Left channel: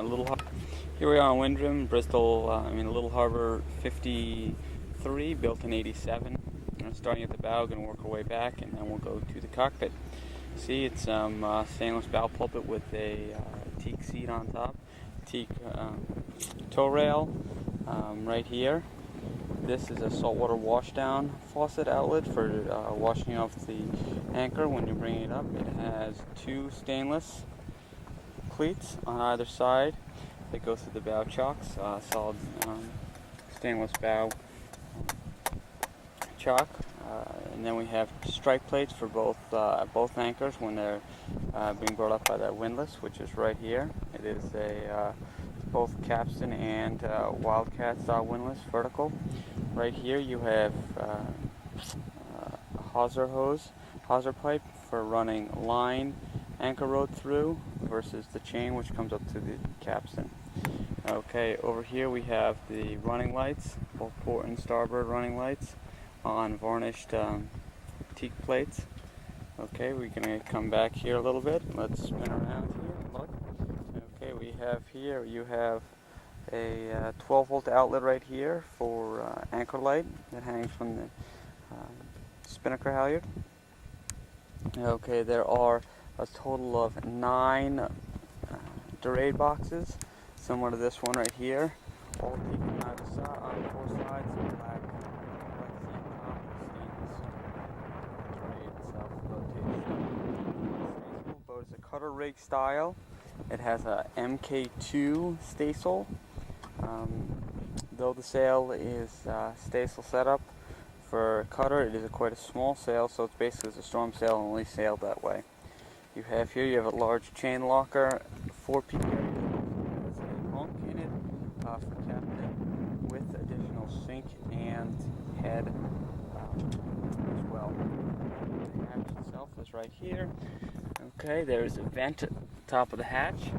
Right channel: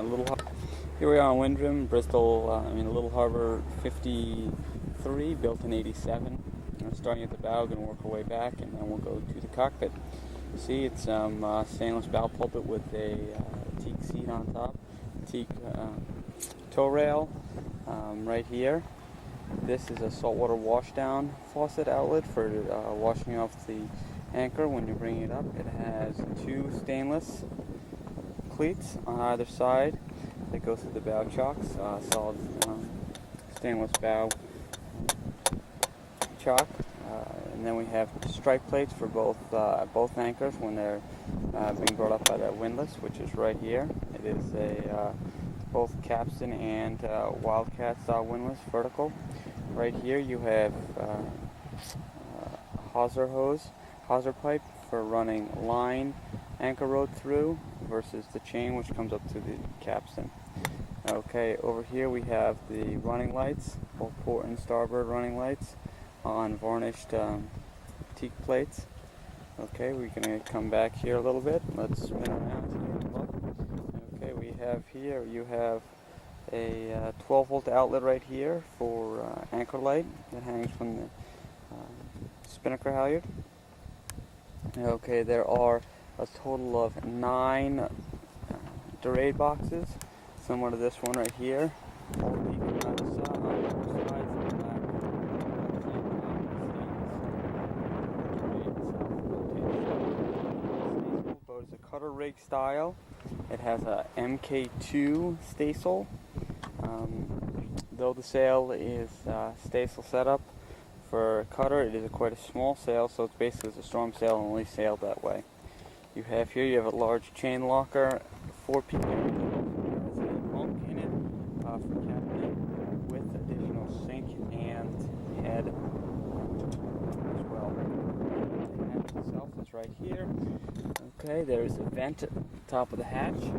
Here we are on Windham, Bristol, Little Harbor 53, built in 87. Starting at the bow, going to work our way back, and then we'll go to the cockpit. See, it's stainless bow pulpit with a teak seat on top, teak tow rail right here. This is a saltwater washdown faucet outlet for washing off the anchor when you're bringing it up. It has two stainless cleats on either side that go through the bow chocks, solid stainless bow chock, and then we have strike plates for both anchors when they're being brought up by that windlass, which is right here. It is a both capstan and wildcat style windlass, vertical. Right here you have a hawser pipe for running line anchor rod through versus the chain which comes up to the capstan. Okay, over here we have the running lights, both port and starboard running lights on varnished teak plates. Okay, we're going to come back here a little bit. Let's spin around here and look. Okay, we have here, you have a 12-volt outlet right here for anchor light that hangs from the spinnaker halyard. Okay, there are a total of 9 dorade boxes, similar to this one right here, all taken on four sides, black left-hand top, stainless dorade itself, rotated. Staysail boat is a cutter rig style. It has a MK2 staysail. Though the sail is staysail setup for a cutter, it is quite a small sail, so it's basically a storm sail and only sailed that way. You have a large chain locker, 4-peak area that also has a bunk in it for captain with additional sink and head as well. The hatch itself is right here. Okay, there's a vent at the top of the hatch.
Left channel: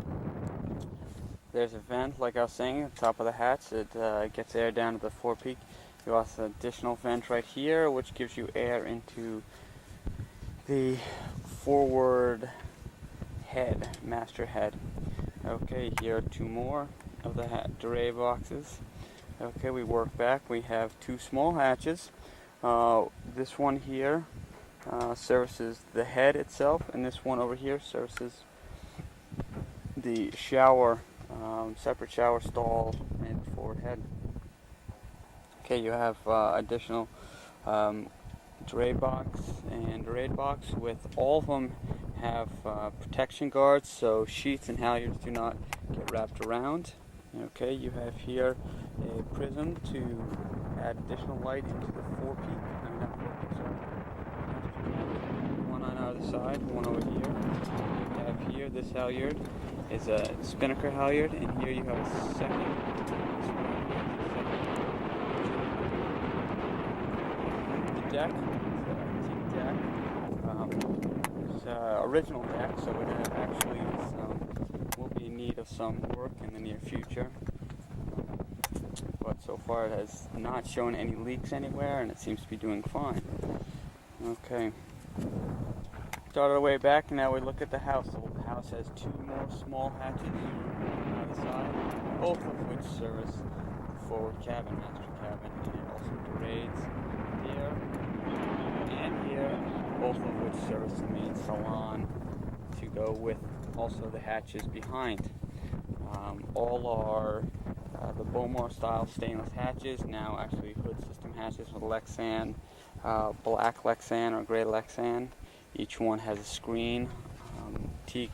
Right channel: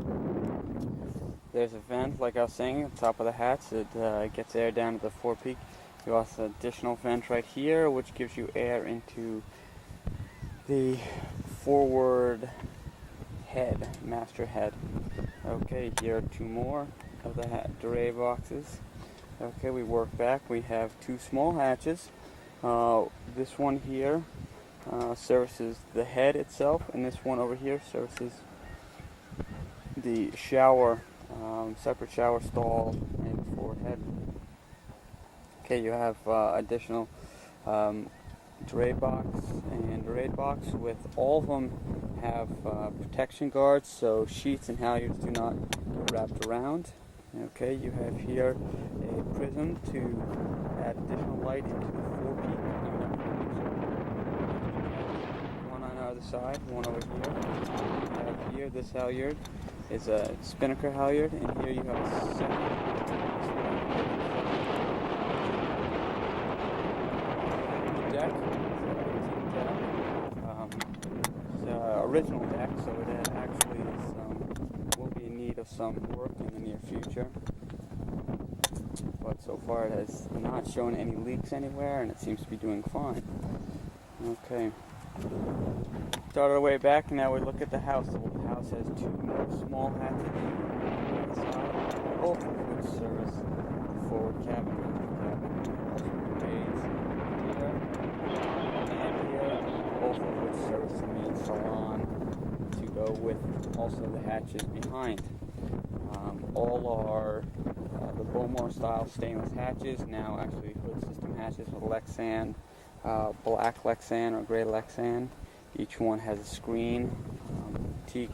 There's a vent, like I was saying, at the top of the hatch. It gets air down to the 4-peak. You also have an additional vent right here, which gives you air into the forward head, master head. Okay, here are 2 more of the dorade boxes. Okay, we work back. We have 2 small hatches. This one here services the head itself, and this one over here services the shower, separate shower stall and forward head. Okay, you have additional dorade box with all of them have protection guards, so sheets and halyards do not get wrapped around. Okay, you have here a prism to add additional light into the 4-peak. Not 4-peak, sorry. One on either side, one over here. You have here, this halyard is a spinnaker halyard, and here you have a second, this one right here, the deck, it's a teak deck. It's an original deck, so it actually will be in need of some work in the near future. But so far it has not shown any leaks anywhere, and it seems to be doing fine. Okay. Started our way back, and now we look at the house. The house has 2 more small hatches on either side, both of which service the forward cabin, master cabin, and also dorades here and here, both of which service the main salon to go with also the hatches behind. All are the Bowmore style stainless hatches, now actually hood system hatches with Lexan, black Lexan or gray Lexan. Each one has a screen, teak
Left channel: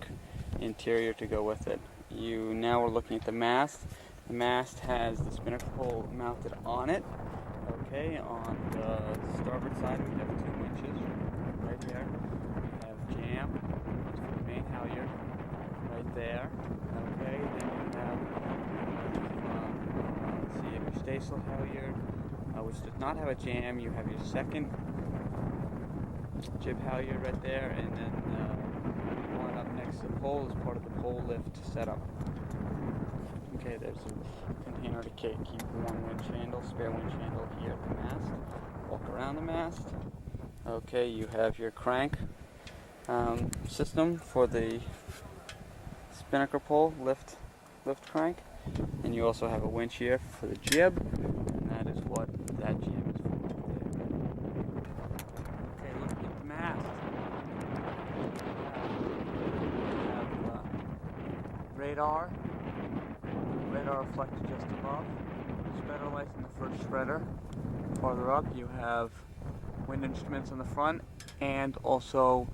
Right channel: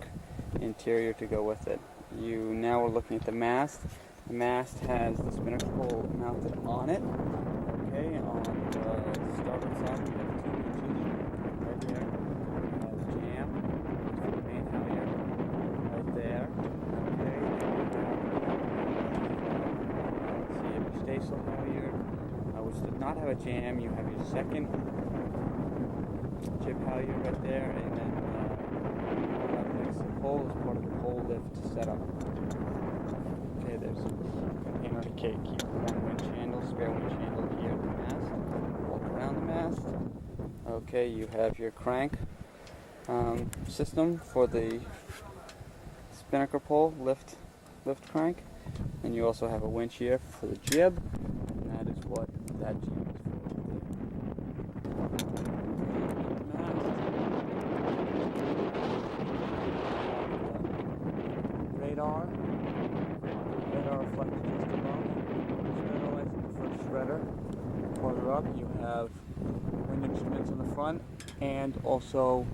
interior to go with it. Now we're looking at the mast. The mast has the spinnaker pole mounted on it. Okay, on the starboard side we have 2 winches right there. We have jam, main halyard right there. Okay, then you have your staysail halyard, which does not have a jam. You have your second jib halyard right there, and then one up next to the pole is part of the pole lift setup. Okay, there's a container to keep one winch handle, spare winch handle here at the mast. Walk around the mast. Okay, you have your crank system for the spinnaker pole, lift lift crank. And you also have a winch here for the jib, and that is what that jib is for right there. Okay, looking at the map. We have radar reflected just above. Spreader lights in the first spreader. Farther up, you have wind instruments on the front, and also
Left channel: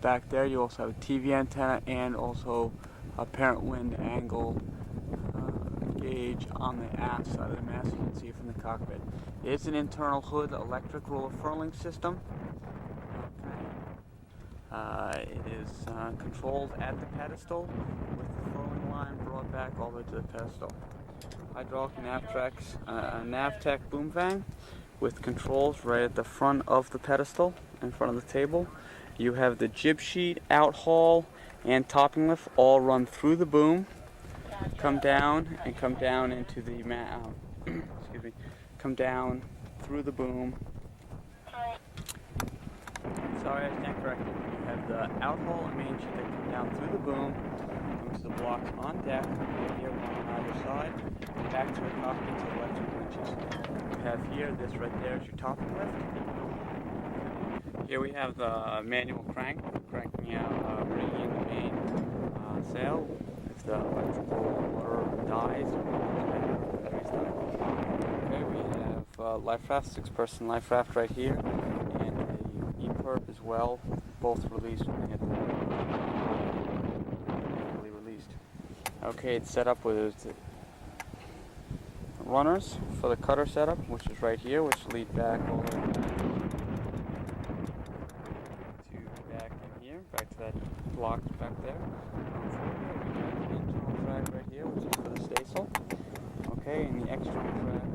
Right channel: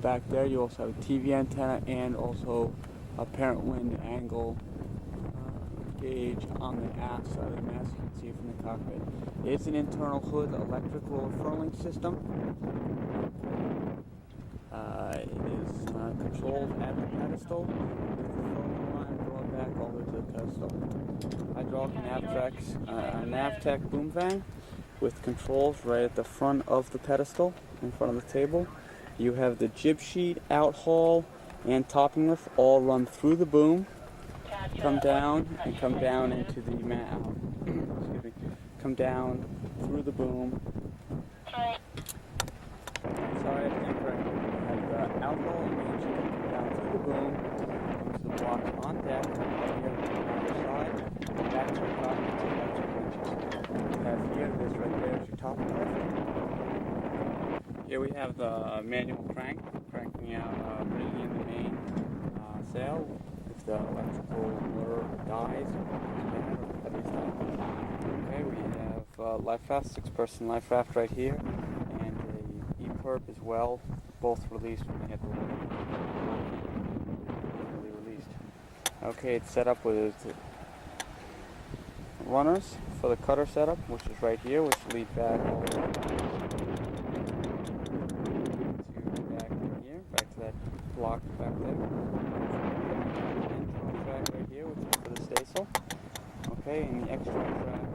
back there you also have a TV antenna and also a apparent wind angle gauge on the aft side of the mast. You can see it from the cockpit. It's an internal hood electric roller furling system. Okay. It is controlled at the pedestal with the furling line brought back all the way to the pedestal. Hydraulic Navtec boom vang with controls right at the front of the pedestal, in front of the table. You have the jib sheet, out haul, and topping lift all run through the boom, come down into the excuse me, come down through the boom. Sorry, I stand corrected. You have the out haul and main sheet that come down through the boom, comes to the blocks on deck, right here, one on either side, back to the cockpit to electric winches. You have here, this right there is your topping lift. Here we have the manual crank, cranking out, bringing in the main sail. If the electrical motor dies or the battery's died. Okay, we have life raft, 6-person life raft right here, and a E-perp as well, both released when they hit the water. Manually released. Okay, it's set up with runners for the cutter setup, which is right here, which lead back all the way back. Back in here, back to that block back there. Internal track right here, which is for the staysail. Okay, and the external track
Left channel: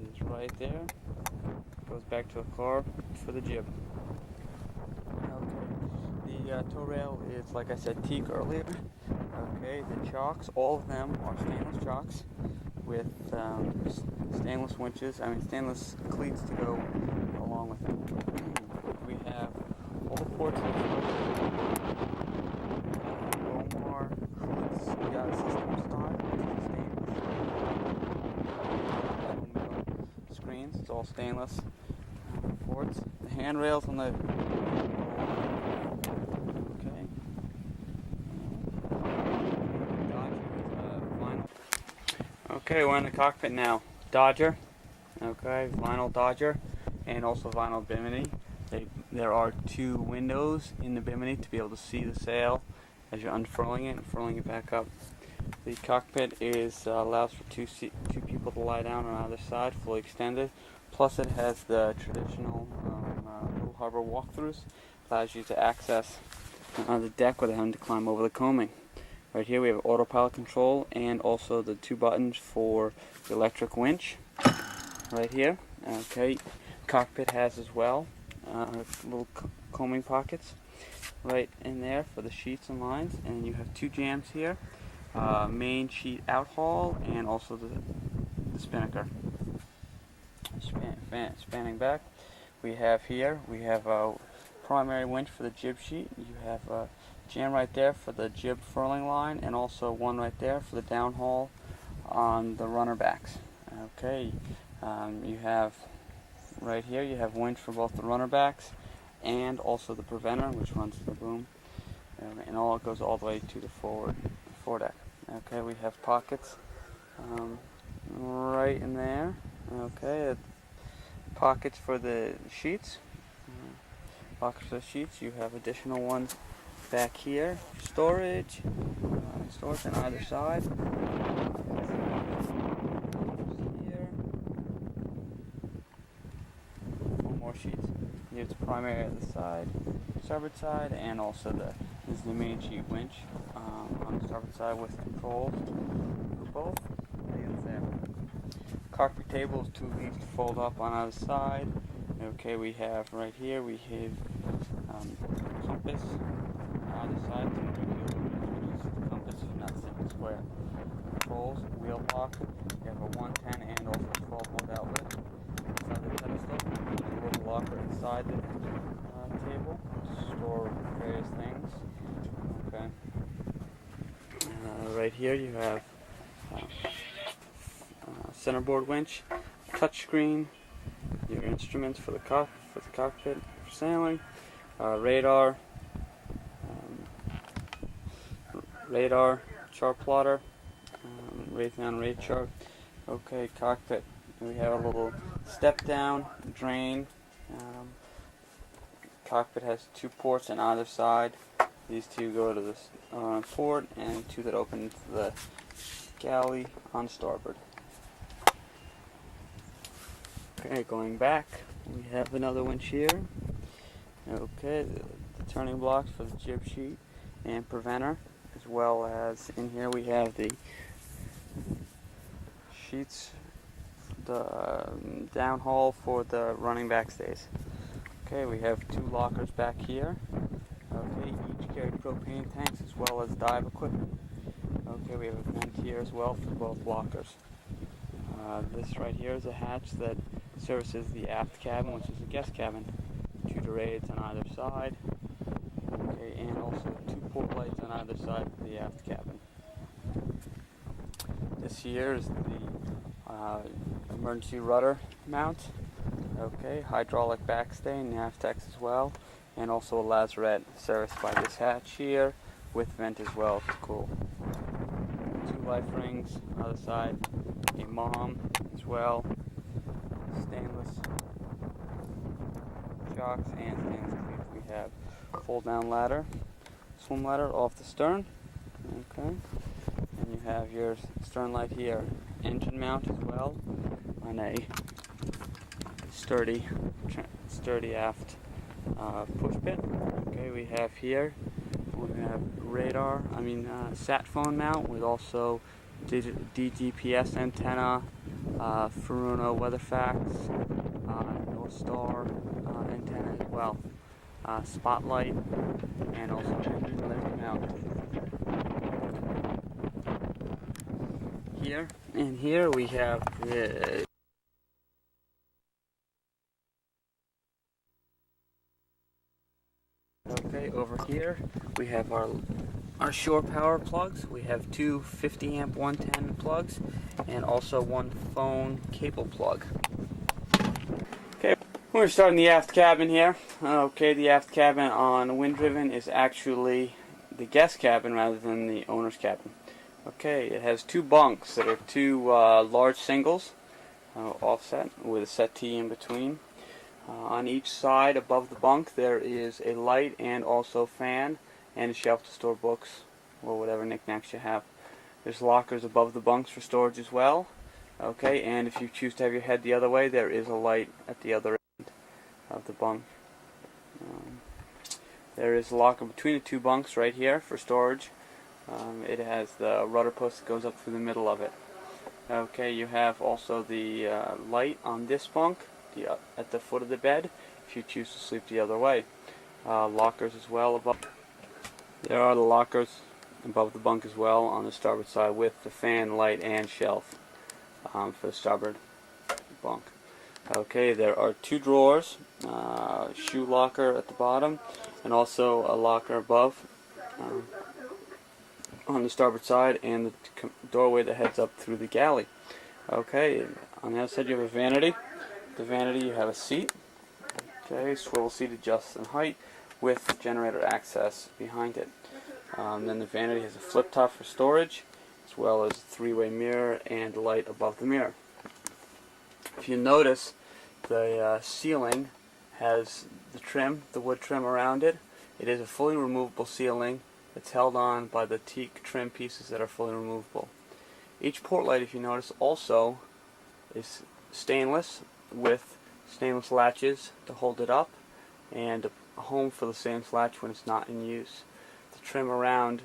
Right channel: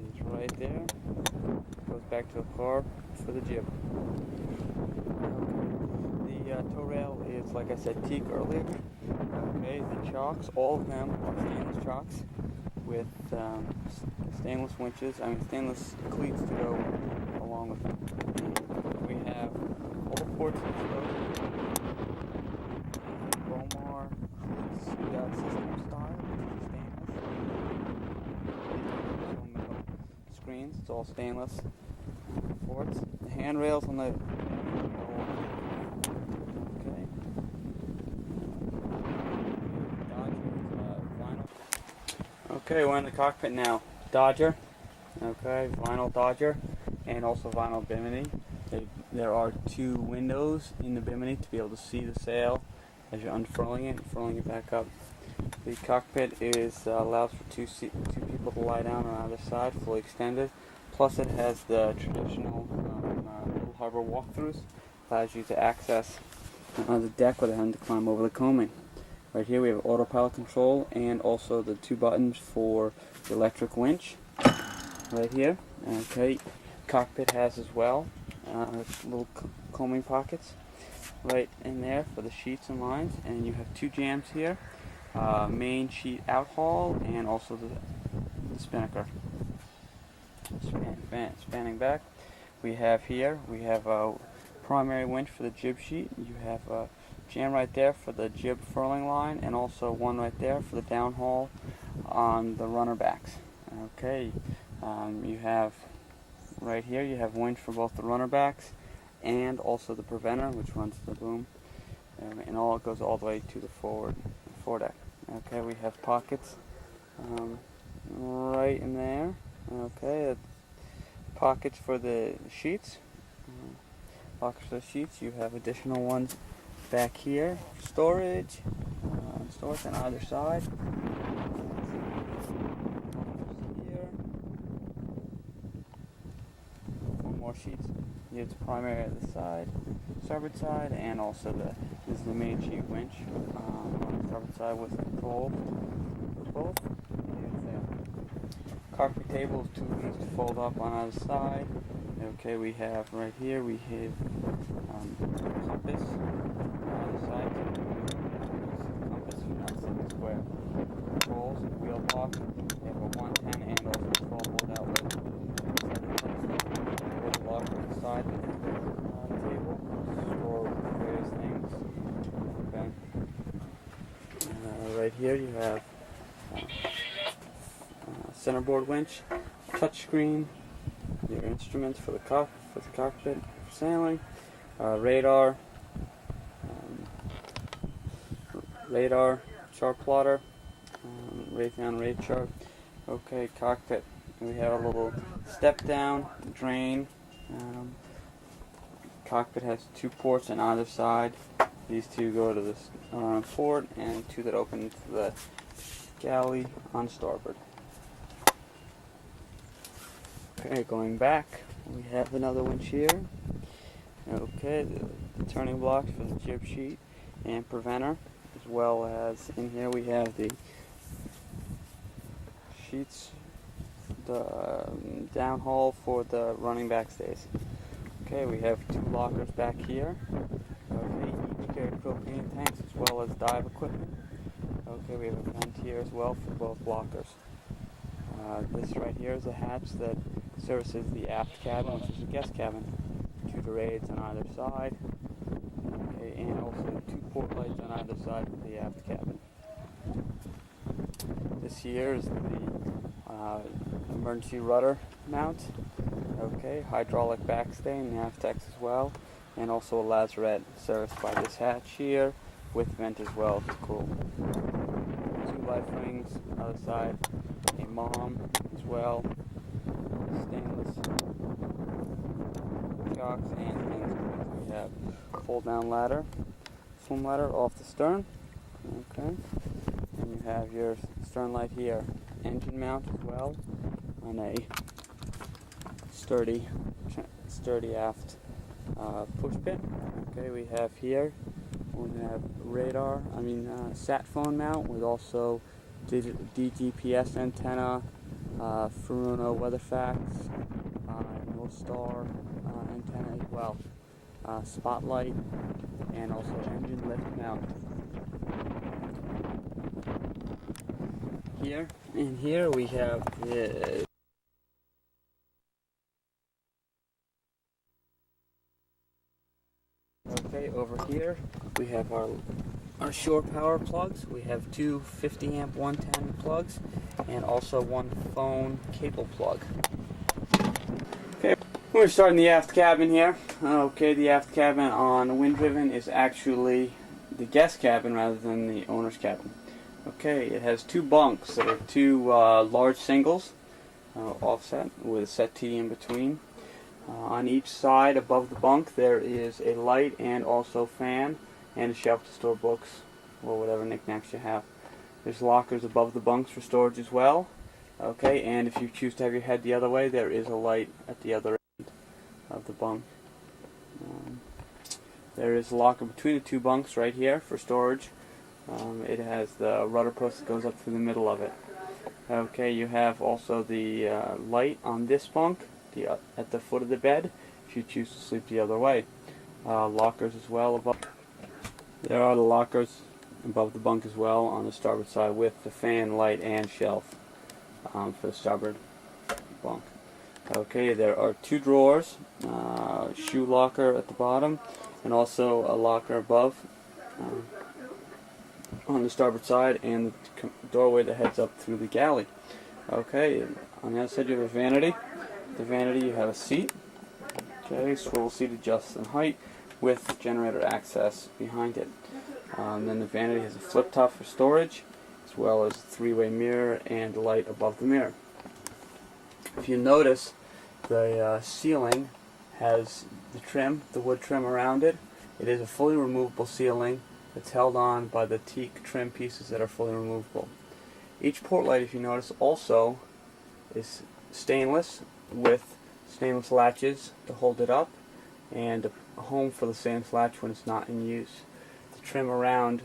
is right there. Goes back to the car for the jib. Okay, the tow rail is, like I said, teak earlier. Okay, the chocks, all of them are stainless chocks with stainless winches, stainless cleats to go along with them. We have all the ports exposed. Bomar hoods, system style, stainless. Middle screens, it's all stainless ports. The handrails on the okay. Dodger vinyl. Okay, we're in the cockpit now. Dodger. Okay, vinyl Dodger, and also vinyl bimini. There are 2 windows in the bimini to be able to see the sail as you're unfurling it and furling it back up. The cockpit allows for 2 people to lie down on either side, fully extended. Plus it has the traditional little harbor walkthroughs. Allows you to access the deck without having to climb over the coaming. Right here we have autopilot control and also the 2 buttons for the electric winch. Right here. Okay. Cockpit has as well little coaming pockets right in there for the sheets and lines, and you have 2 jams here, main sheet out haul and also the spinnaker. Spanning back, we have a primary winch for the jib sheet. You have a jam right there for the jib furling line, and also one right there for the downhaul on the runner backs. Okay, you have right here, you have winch for both the runner backs and also the preventer, which runs the boom, and all it goes all the way to the foredeck. Okay, we have pockets right in there. Okay, pockets for the sheets. Pockets for the sheets. You have additional ones back here. Storage on either side. More sheets. Here's the primary at the side, starboard side, and also this is the main sheet winch on the starboard side with controls for both. And there. Cockpit table is 2 feet to fold up on either side. Okay, we have right here compass on either side, so you can do the compass, you're not sitting square. Controls, wheel lock. You have a 110 and also a 12-volt outlet inside the pedestal. A little locker inside the table to store various things. Okay. Right here you have centerboard winch, touchscreen, your instruments for the cockpit, sailing, radar, chart plotter, Raytheon rate chart. Okay, cockpit. We have a little step down, drain. Cockpit has 2 ports on either side. These 2 go to the port, and 2 that open to the galley on starboard. Okay, going back, we have another winch here. Okay, the turning blocks for the jib sheet and preventer, as well as in here we have the sheets, the downhaul for the running backstays. Okay, we have 2 lockers back here. Okay, each carry propane tanks as well as dive equipment. Okay, we have a vent here as well for both lockers. This right here is a hatch that services the aft cabin, which is the guest cabin. 2 dorades on either side. Okay, and also 2 port lights on either side of the aft cabin. This here is the emergency rudder mount. Okay, hydraulic backstay and Navtex as well, and also a lazarette serviced by this hatch here with vent as well to cool. 2 life rings, other side, a mom as well, stainless shocks, and we have pull down ladder, swim ladder off the stern. Okay, and you have your stern light here, engine mount as well on a sturdy aft push pin. Okay, we have here, we have sat phone mount with also DGPS antenna, Furuno WeatherFax, North Star antenna as well, spotlight, and also engine lift mount. Here we have the okay, over here we have our shore power plugs. We have 2 50 amp 110 plugs and also 1 phone cable plug. Okay, we're starting the aft cabin here. Okay, the aft cabin on Wind Driven is actually the guest cabin rather than the owner's cabin. Okay, it has 2 bunks that are 2 large singles, offset with a settee in between. On each side above the bunk there is a light and also fan and a shelf to store books or whatever knickknacks you have. There's lockers above the bunks for storage as well. Okay, and if you choose to have your head the other way, there is a light at the other end of the bunk. There is a locker between the 2 bunks right here for storage. It has the rudder post that goes up through the middle of it. Okay, you have also the light on this bunk at the foot of the bed if you choose to sleep the other way. Lockers as well above. There are the lockers above the bunk as well on the starboard side with the fan, light, and shelf for the starboard bunk. Okay, there are 2 drawers, shoe locker at the bottom, and also a locker above on the starboard side, and the doorway that heads up through the galley. Okay, on the other side you have a vanity. The vanity, you have a seat. Okay, swivel seat adjusts in height with generator access behind it. Then the vanity has a flip top for storage, as well as a 3-way mirror and a light above the mirror. If you notice, the ceiling has the wood trim around it. It is a fully removable ceiling. It's held on by the teak trim pieces that are fully removable. Each port light, if you notice, also is stainless with stainless latches to hold it up and a home for the stainless latch when it's not in use. The trim around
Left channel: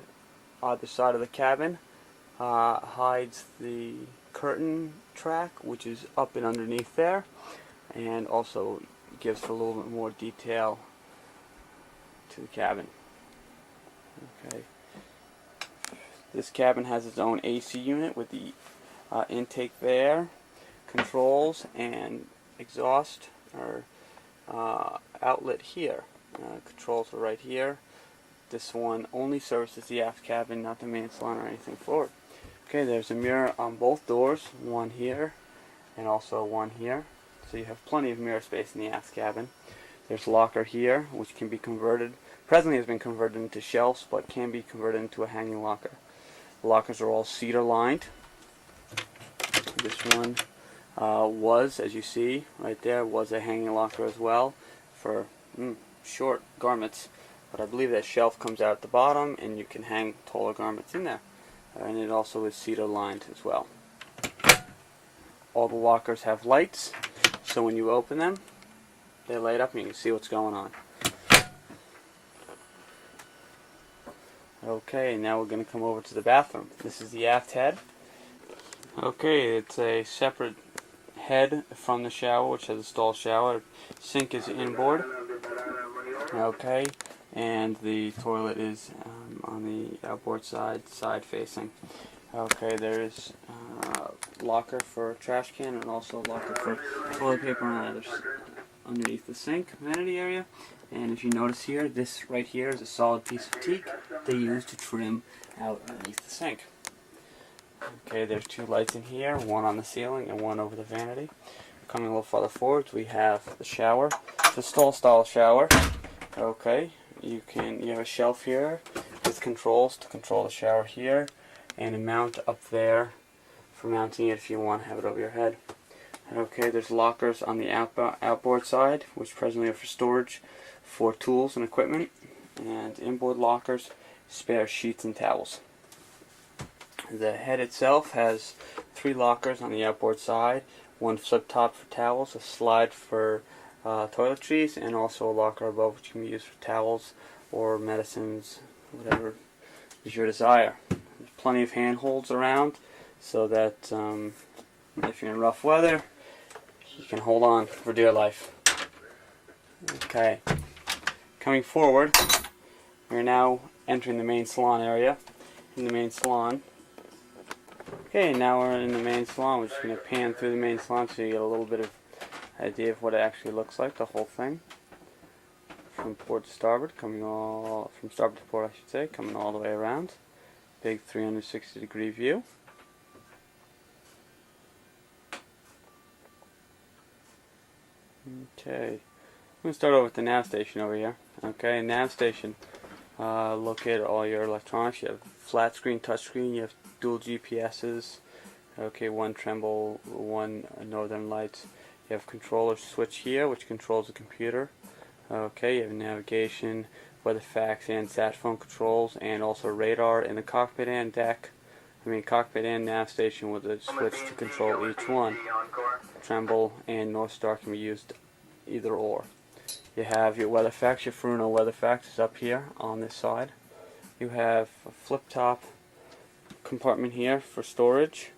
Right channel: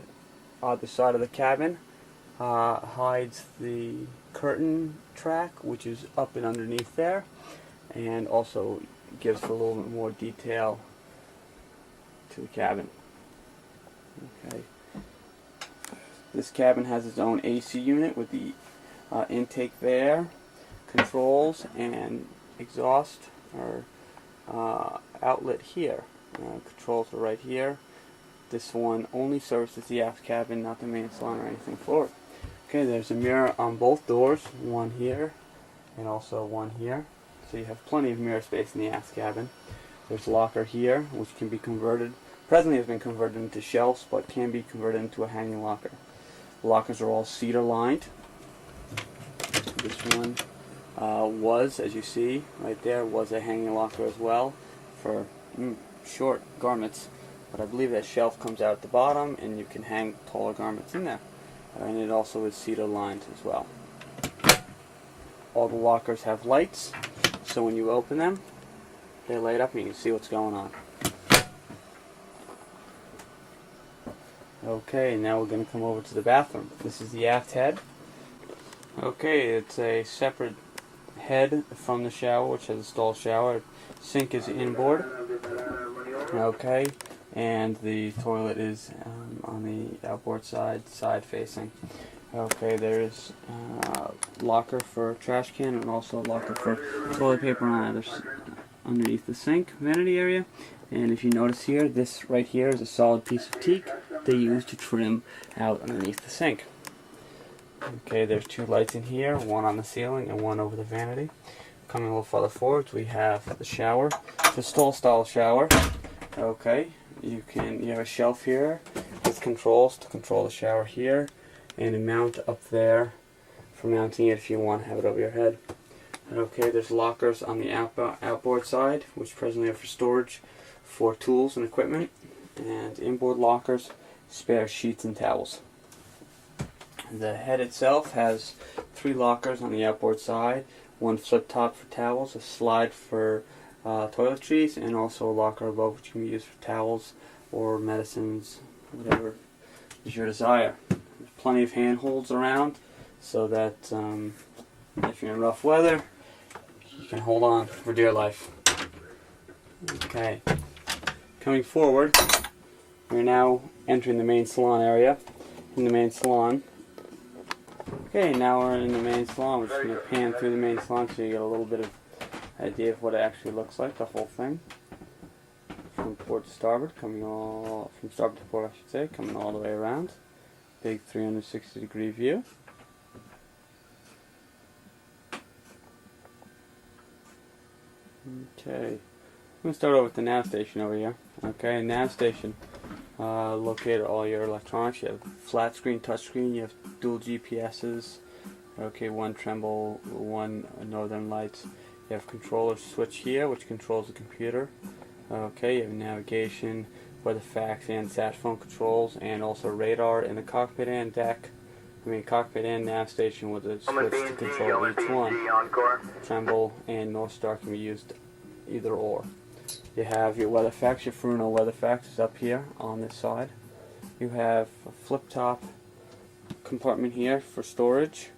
either side of the cabin hides the curtain track, which is up and underneath there, and also gives a little bit more detail to the cabin. Okay. This cabin has its own AC unit with the intake there, controls, and exhaust or outlet here. Controls are right here. This one only services the aft cabin, not the main salon or anything forward. Okay, there's a mirror on both doors, one here and also one here. So you have plenty of mirror space in the aft cabin. There's a locker here, which can be converted, presently has been converted into shelves, but can be converted into a hanging locker. The lockers are all cedar lined. This one was, as you see right there, was a hanging locker as well for short garments. But I believe that shelf comes out at the bottom and you can hang taller garments in there. And it also is cedar lined as well. All the lockers have lights, so when you open them, they light up and you can see what's going on. Okay, now we're going to come over to the bathroom. This is the aft head. Okay, it's a separate head from the shower, which has a stall shower. Sink is inboard. Okay, and the toilet is on the outboard side facing. Okay, there's a locker for trash can and also a locker for toilet paper on underneath the sink vanity area. And if you notice here, this right here is a solid piece of teak they use to trim out underneath the sink. Okay, there's two lights in here, one on the ceiling and one over the vanity. Coming a little farther forward, we have the shower. It's a stall style shower. Okay, you have a shelf here with controls to control the shower here, and a mount up there for mounting it if you want to have it over your head. Okay, there's lockers on the outboard side, which presently are for storage for tools and equipment, and inboard lockers, spare sheets and towels. The head itself has 3 lockers on the outboard side, one flip top for towels, a slide for toiletries, and also a locker above which can be used for towels or medicines, whatever is your desire. There's plenty of handholds around so that if you're in rough weather, you can hold on for dear life. Okay, coming forward, we're now entering the main salon area. In the main salon. Okay, now we're in the main salon. We're just going to pan through the main salon so you get a little bit of idea of what it actually looks like, the whole thing. From port to starboard, from starboard to port I should say, coming all the way around. Big 360-degree view. Okay, I'm going to start over with the nav station over here. Okay, nav station. Locate all your electronics. You have flat screen, touch screen. You have dual GPSs. Okay, one tremble, one northern lights. You have controller switch here, which controls the computer. Okay, you have navigation, weather fax, and sat phone controls, and also radar in the cockpit and deck. Cockpit and nav station with a switch to control each one. Tremble and North Star can be used either or. You have your weather fax. Your Furuno weather fax is up here on this side. You have a flip top compartment here for storage.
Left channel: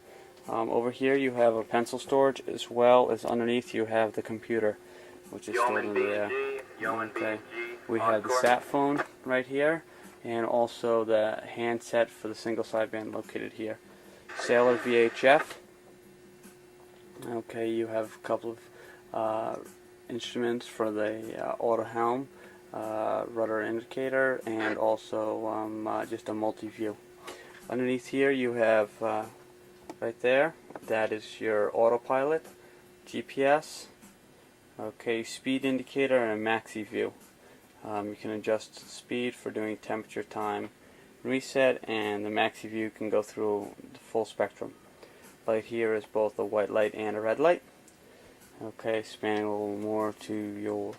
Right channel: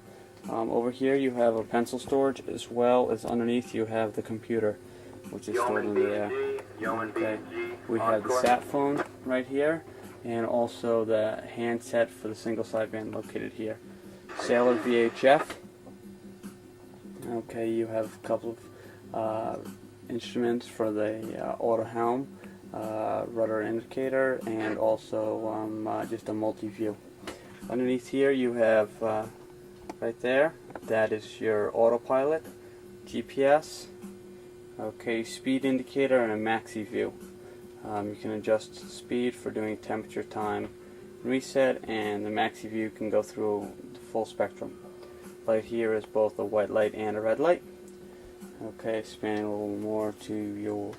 Over here you have a pencil storage, as well as underneath you have the computer, which is stored under there. Okay. We have the sat phone right here, and also the handset for the single sideband located here. Sailor VHF. Okay, you have a couple of instruments for the auto helm, rudder indicator, and also just a multi-view. Underneath here you have right there, that is your autopilot, GPS, okay, speed indicator, and a maxi view. You can adjust speed for doing temperature, time, reset, and the maxi view can go through the full spectrum. Light here is both a white light and a red light. Okay, spanning a little more to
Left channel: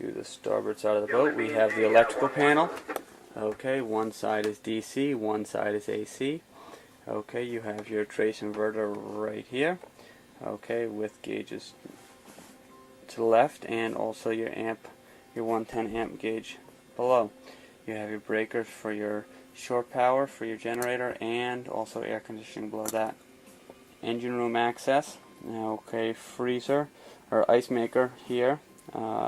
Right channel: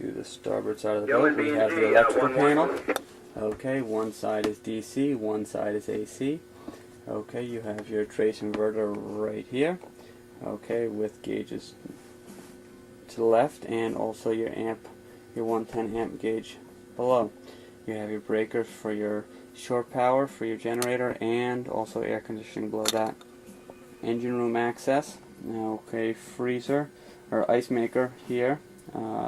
the starboard side of the boat, we have the electrical panel. Okay, one side is DC, one side is AC. Okay, you have your trace inverter right here. Okay, with gauges to the left, and also your 110 amp gauge below. You have your breaker for your shore power for your generator, and also air conditioning below that. Engine room access. Okay, freezer or ice maker here.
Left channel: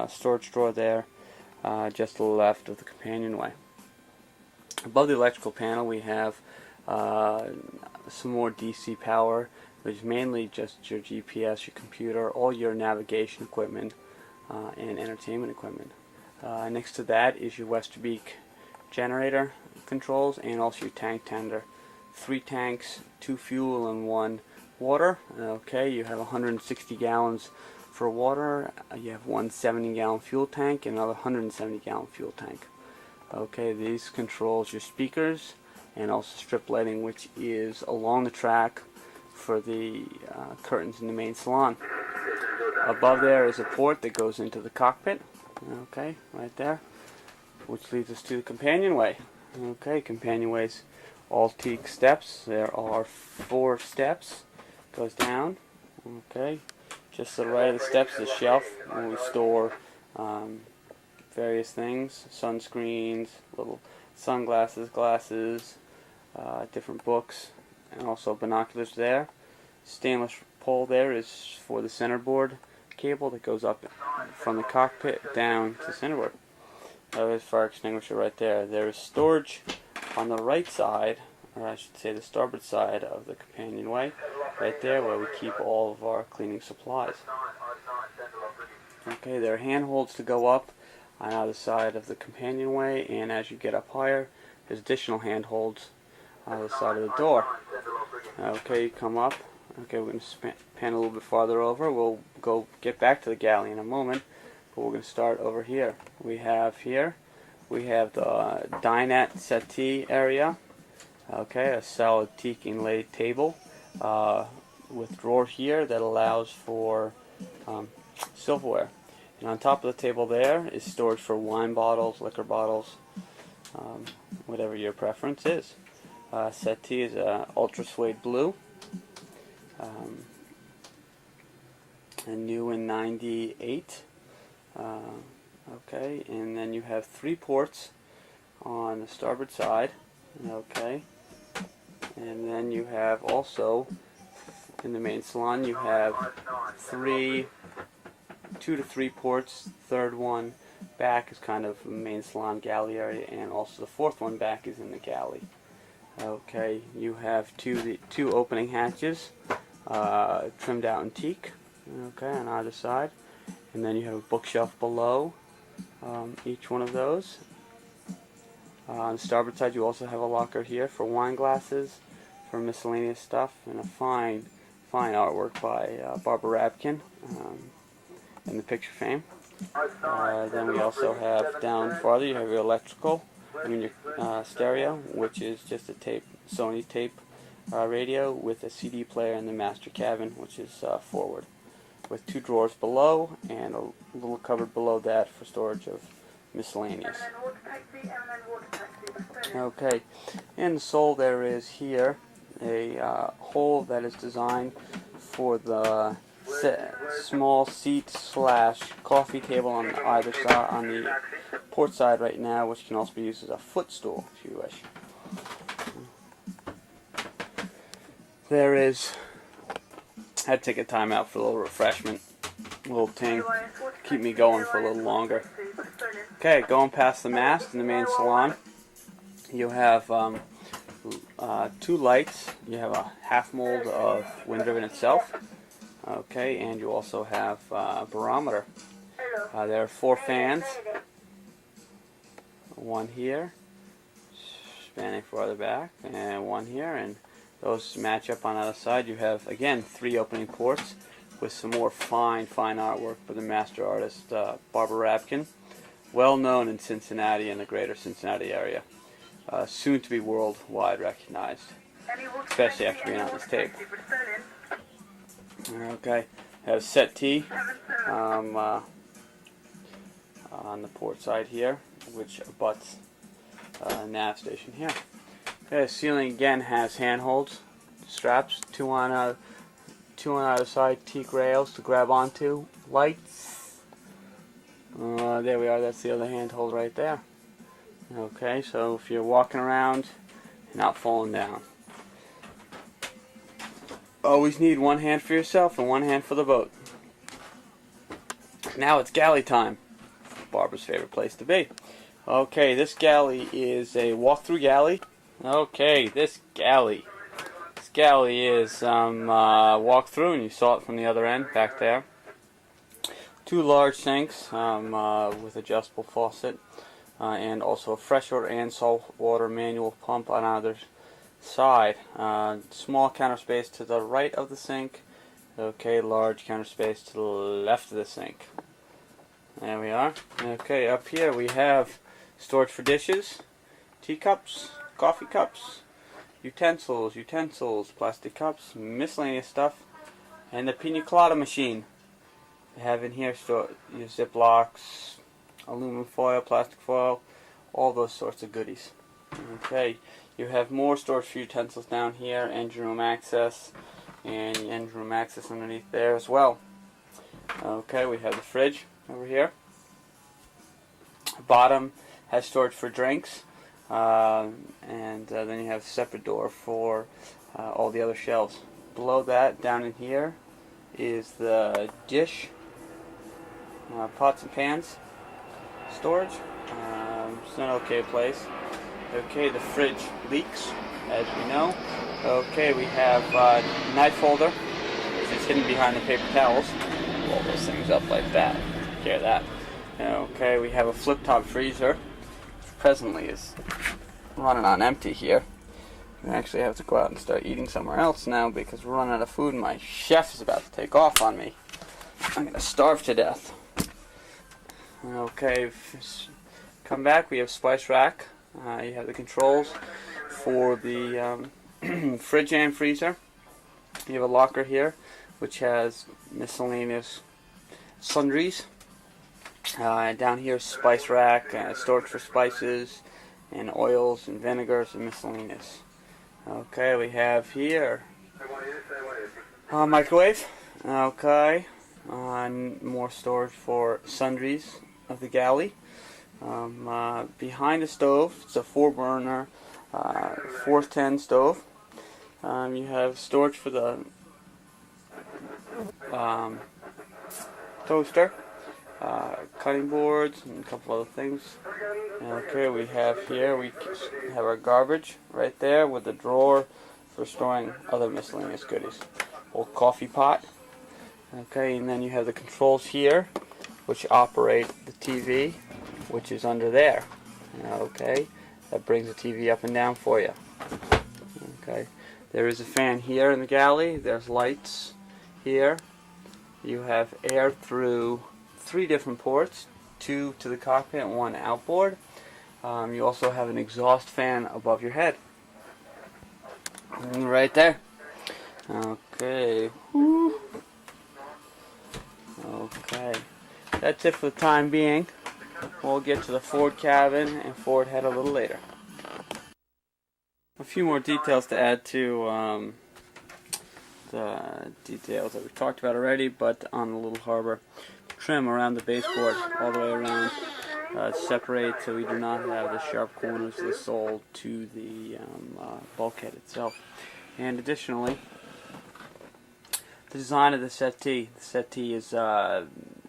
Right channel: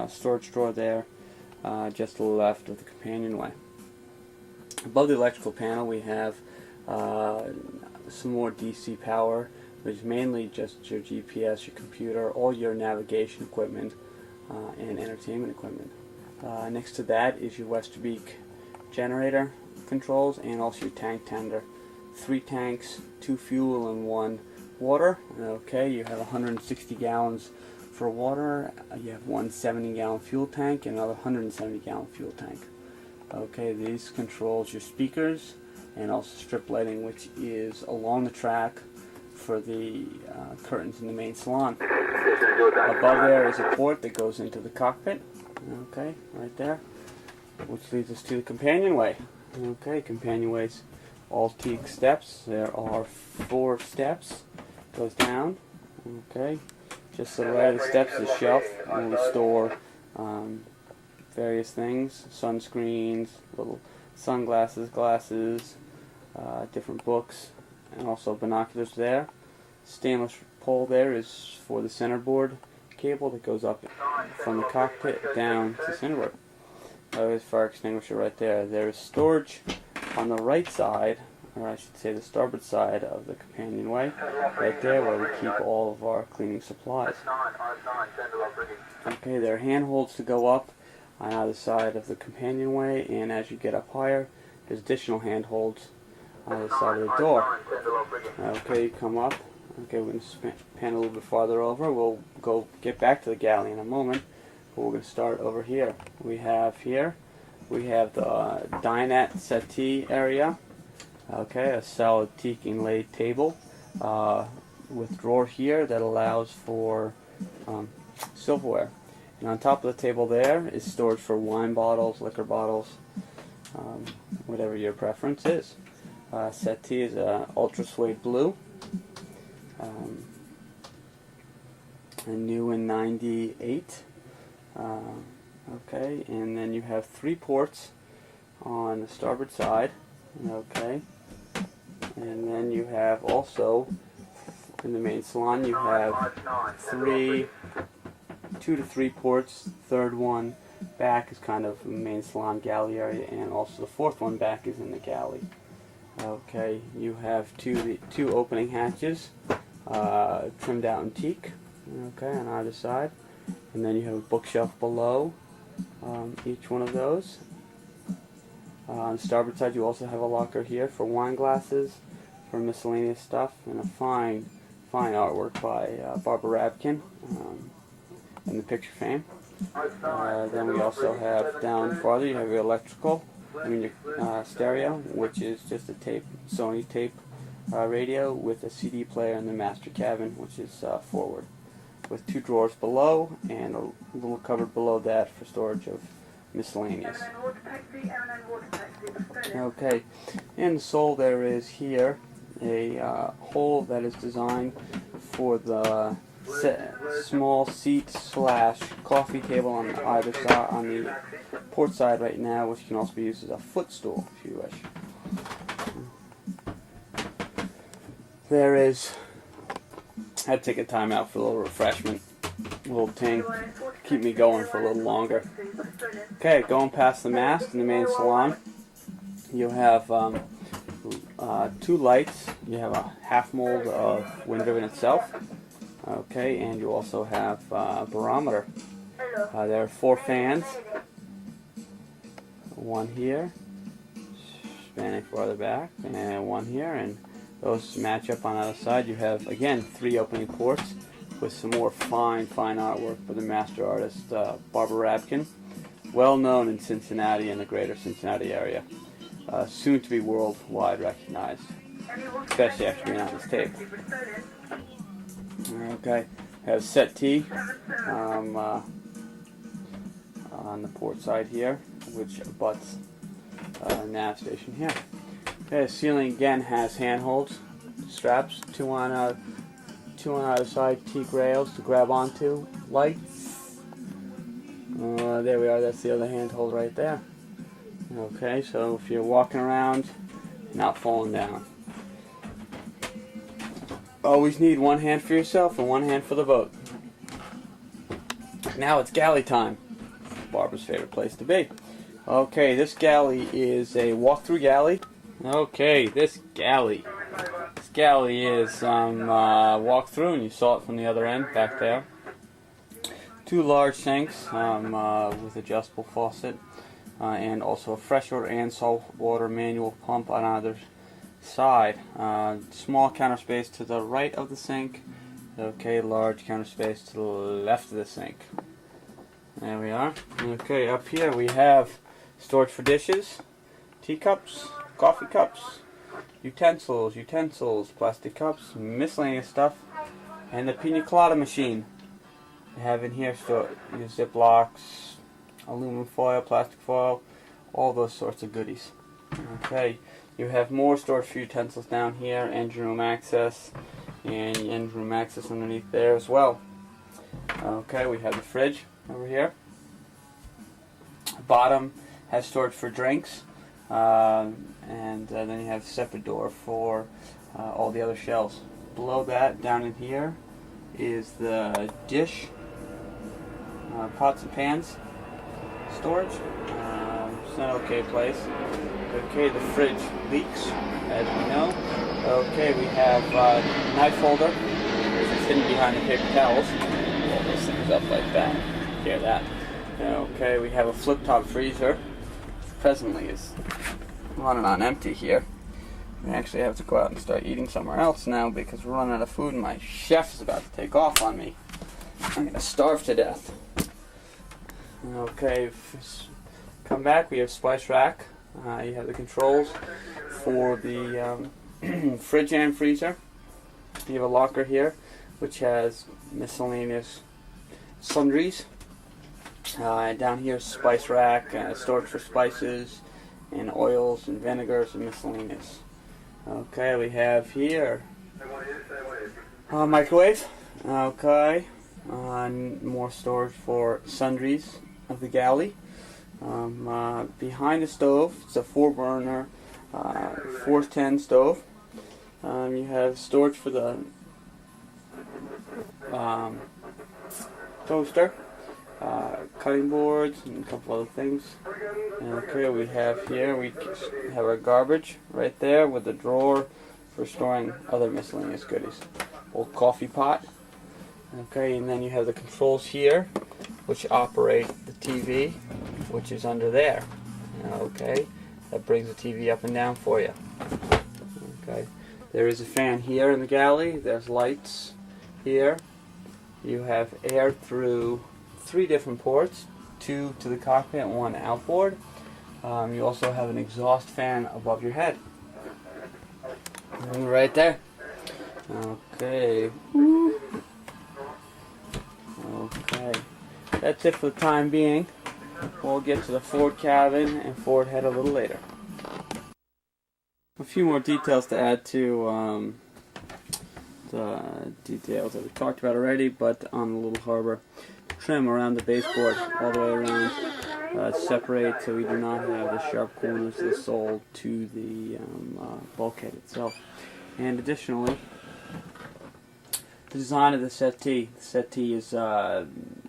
Storage drawer there, just to the left of the companionway. Above the electrical panel we have some more DC power, which is mainly just your GPS, your computer, all your navigation equipment, and entertainment equipment. Next to that is your Westerbeek generator controls, and also your tank tender. 3 tanks, 2 fuel and 1 water. Okay, you have 160 gallons for water. You have 1 70-gallon fuel tank and another 170-gallon fuel tank. Okay, these controls your speakers and also strip lighting, which is along the track for the curtains in the main salon. Above there is a port that goes into the cockpit. Okay, right there, which leads us to the companionway. Okay, companionways, all teak steps. There are 4 steps. Goes down. Okay, just to the right of the steps is a shelf where we store various things: sunscreens, little sunglasses, glasses, different books, and also binoculars there. Stainless pole there is for the centerboard cable that goes up from the cockpit down to centerboard. There's fire extinguisher right there. There is storage on the right side, or I should say the starboard side of the companionway, right there where we keep all of our cleaning supplies. Okay, there are handholds to go up on either side of the companionway, and as you get up higher, there's additional handholds on the side of the door. Okay, you come up. Okay, we're going to pan a little bit farther over. We'll go get back to the galley in a moment, but we're going to start over here. We have the dinette settee area. Okay, a solid teak inlaid table with drawer here that allows for silverware. And on top of the table there is storage for wine bottles, liquor bottles, whatever your preference is. Settee is ultra suede blue, and new in '98. Okay, and then you have 3 ports on the starboard side. Okay, and then you have also in the main salon you have 2 to 3 ports. Third one back is kind of the main salon galley area, and also the 4th one back is in the galley. Okay, you have two opening hatches, trimmed out in teak. Okay, on either side, and then you have a bookshelf below each one of those. On the starboard side, you also have a locker here for wine glasses, for miscellaneous stuff, and a fine artwork by Barbara Rabkin in the picture frame. Then we also have down farther, you have your electrical, your stereo, which is just a Sony tape radio with a CD player in the master cabin, which is forward, with 2 drawers below and a little cupboard below that for storage of miscellaneous. Okay, in the sole there is here a hole that is designed for the small seat / coffee table on either side, on the port side right now, which can also be used as a footstool if you wish. There is, I had to take a time out for a little refreshment, a little ting, keep me going for a little longer. Okay, going past the mast in the main salon, you have 2 lights. You have a half mold of wind ribbon itself. Okay, and you also have a barometer. There are 4 fans. 1 here, spanning farther back, and 1 here, and those match up on either side. You have, again, 3 opening ports with some more fine artwork by the master artist Barbara Rabkin, well known in Cincinnati and the greater Cincinnati area, soon to be worldwide recognized, especially after being on this tape. Okay, have settee on the port side here, which abuts nav station here. Okay, the ceiling again has handholds, straps, 2 on either side, teak rails to grab onto, lights. There we are, that's the other handhold right there. Okay, so if you're walking around, you're not falling down. Always need 1 hand for yourself and 1 hand for the boat. Now it's galley time. Barbara's favorite place to be. Okay, this galley is a walk-through galley. Okay, this galley is walk-through, and you saw it from the other end back there. 2 large sinks with adjustable faucet. and also a freshwater and saltwater manual pump on either side. Small counter space to the right of the sink. Okay, large counter space to the left of the sink. There we are. Okay, up here we have storage for dishes, teacups, coffee cups, utensils, plastic cups, miscellaneous stuff, and the pina colada machine. We have in here your Ziplocs, aluminum foil, plastic foil, all those sorts of goodies. Okay, you have more storage for utensils down here, engine room access, and engine room access underneath there as well. Okay, we have the fridge over here. Bottom has storage for drinks, and then you have a separate door for all the other shelves. Below that, down in here, is the dish, pots and pans storage. It's an okay place. Okay, the fridge leaks, as we know. Okay, we have a knife holder, which is hidden behind the paper towels. Roll those things up like that. Hear that? Okay, we have a flip-top freezer. Presently is running on empty here. We actually have to go out and start eating somewhere else now because we're running out of food and my chef is about to take off on me. I'm going to starve to death. Okay, come back. We have spice rack. You have the controls for the fridge and freezer. You have a locker here which has miscellaneous sundries. Down here, spice rack, storage for spices and oils and vinegars and miscellaneous. Okay, we have here microwave. Okay, more storage for sundries of the galley. Behind the stove, it's a 4-burner 410 stove. You have storage for the toaster. Cutting boards and a couple other things. Okay, we have our garbage right there with a drawer for storing other miscellaneous goodies. Old coffee pot. Okay, and then you have the controls here, which operate the TV, which is under there. Okay, that brings the TV up and down for you. Okay, there is a fan here in the galley. There's lights here. You have air through 3 different ports, 2 to the cockpit and 1 outboard. You also have an exhaust fan above your head. And right there. Okay. Okay. That's it for the time being. We'll get to the forward cabin and forward head a little later. A few more details to add to the details that we talked about already, but on the little harbor. Trim around the baseboard all the way around. Separate so we do not have the sharp corners of the sole to the bulkhead itself. And additionally, the design of the settee. The settee is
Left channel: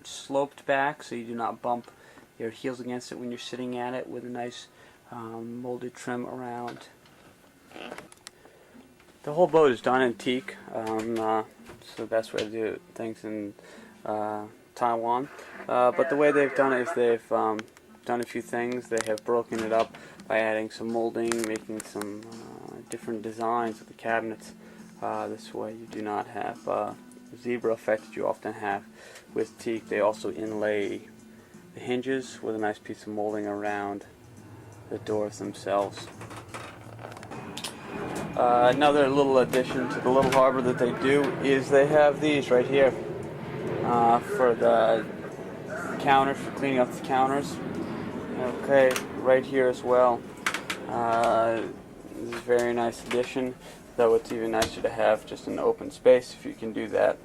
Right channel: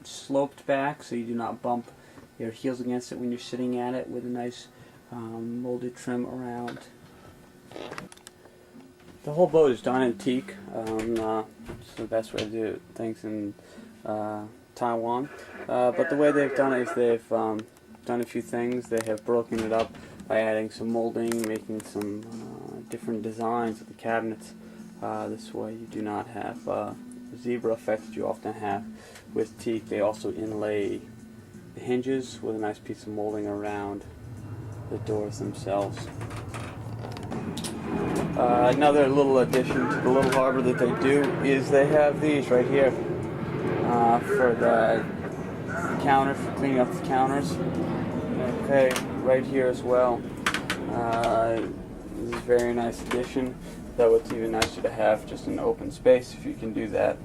sloped back so you do not bump your heels against it when you're sitting at it, with a nice molded trim around. The whole boat is done in teak. It's the best way to do things in Taiwan. But the way they've done it is they've done a few things. They have broken it up by adding some molding, making some different designs of the cabinets. This way you do not have the zebra effect that you often have with teak. They also inlay the hinges with a nice piece of molding around the doors themselves. Another little addition to the little harbor that they do is they have these right here for the counters, for cleaning up the counters. Okay, right here as well. This is a very nice addition, though it's even nicer to have just an open space if you can do that.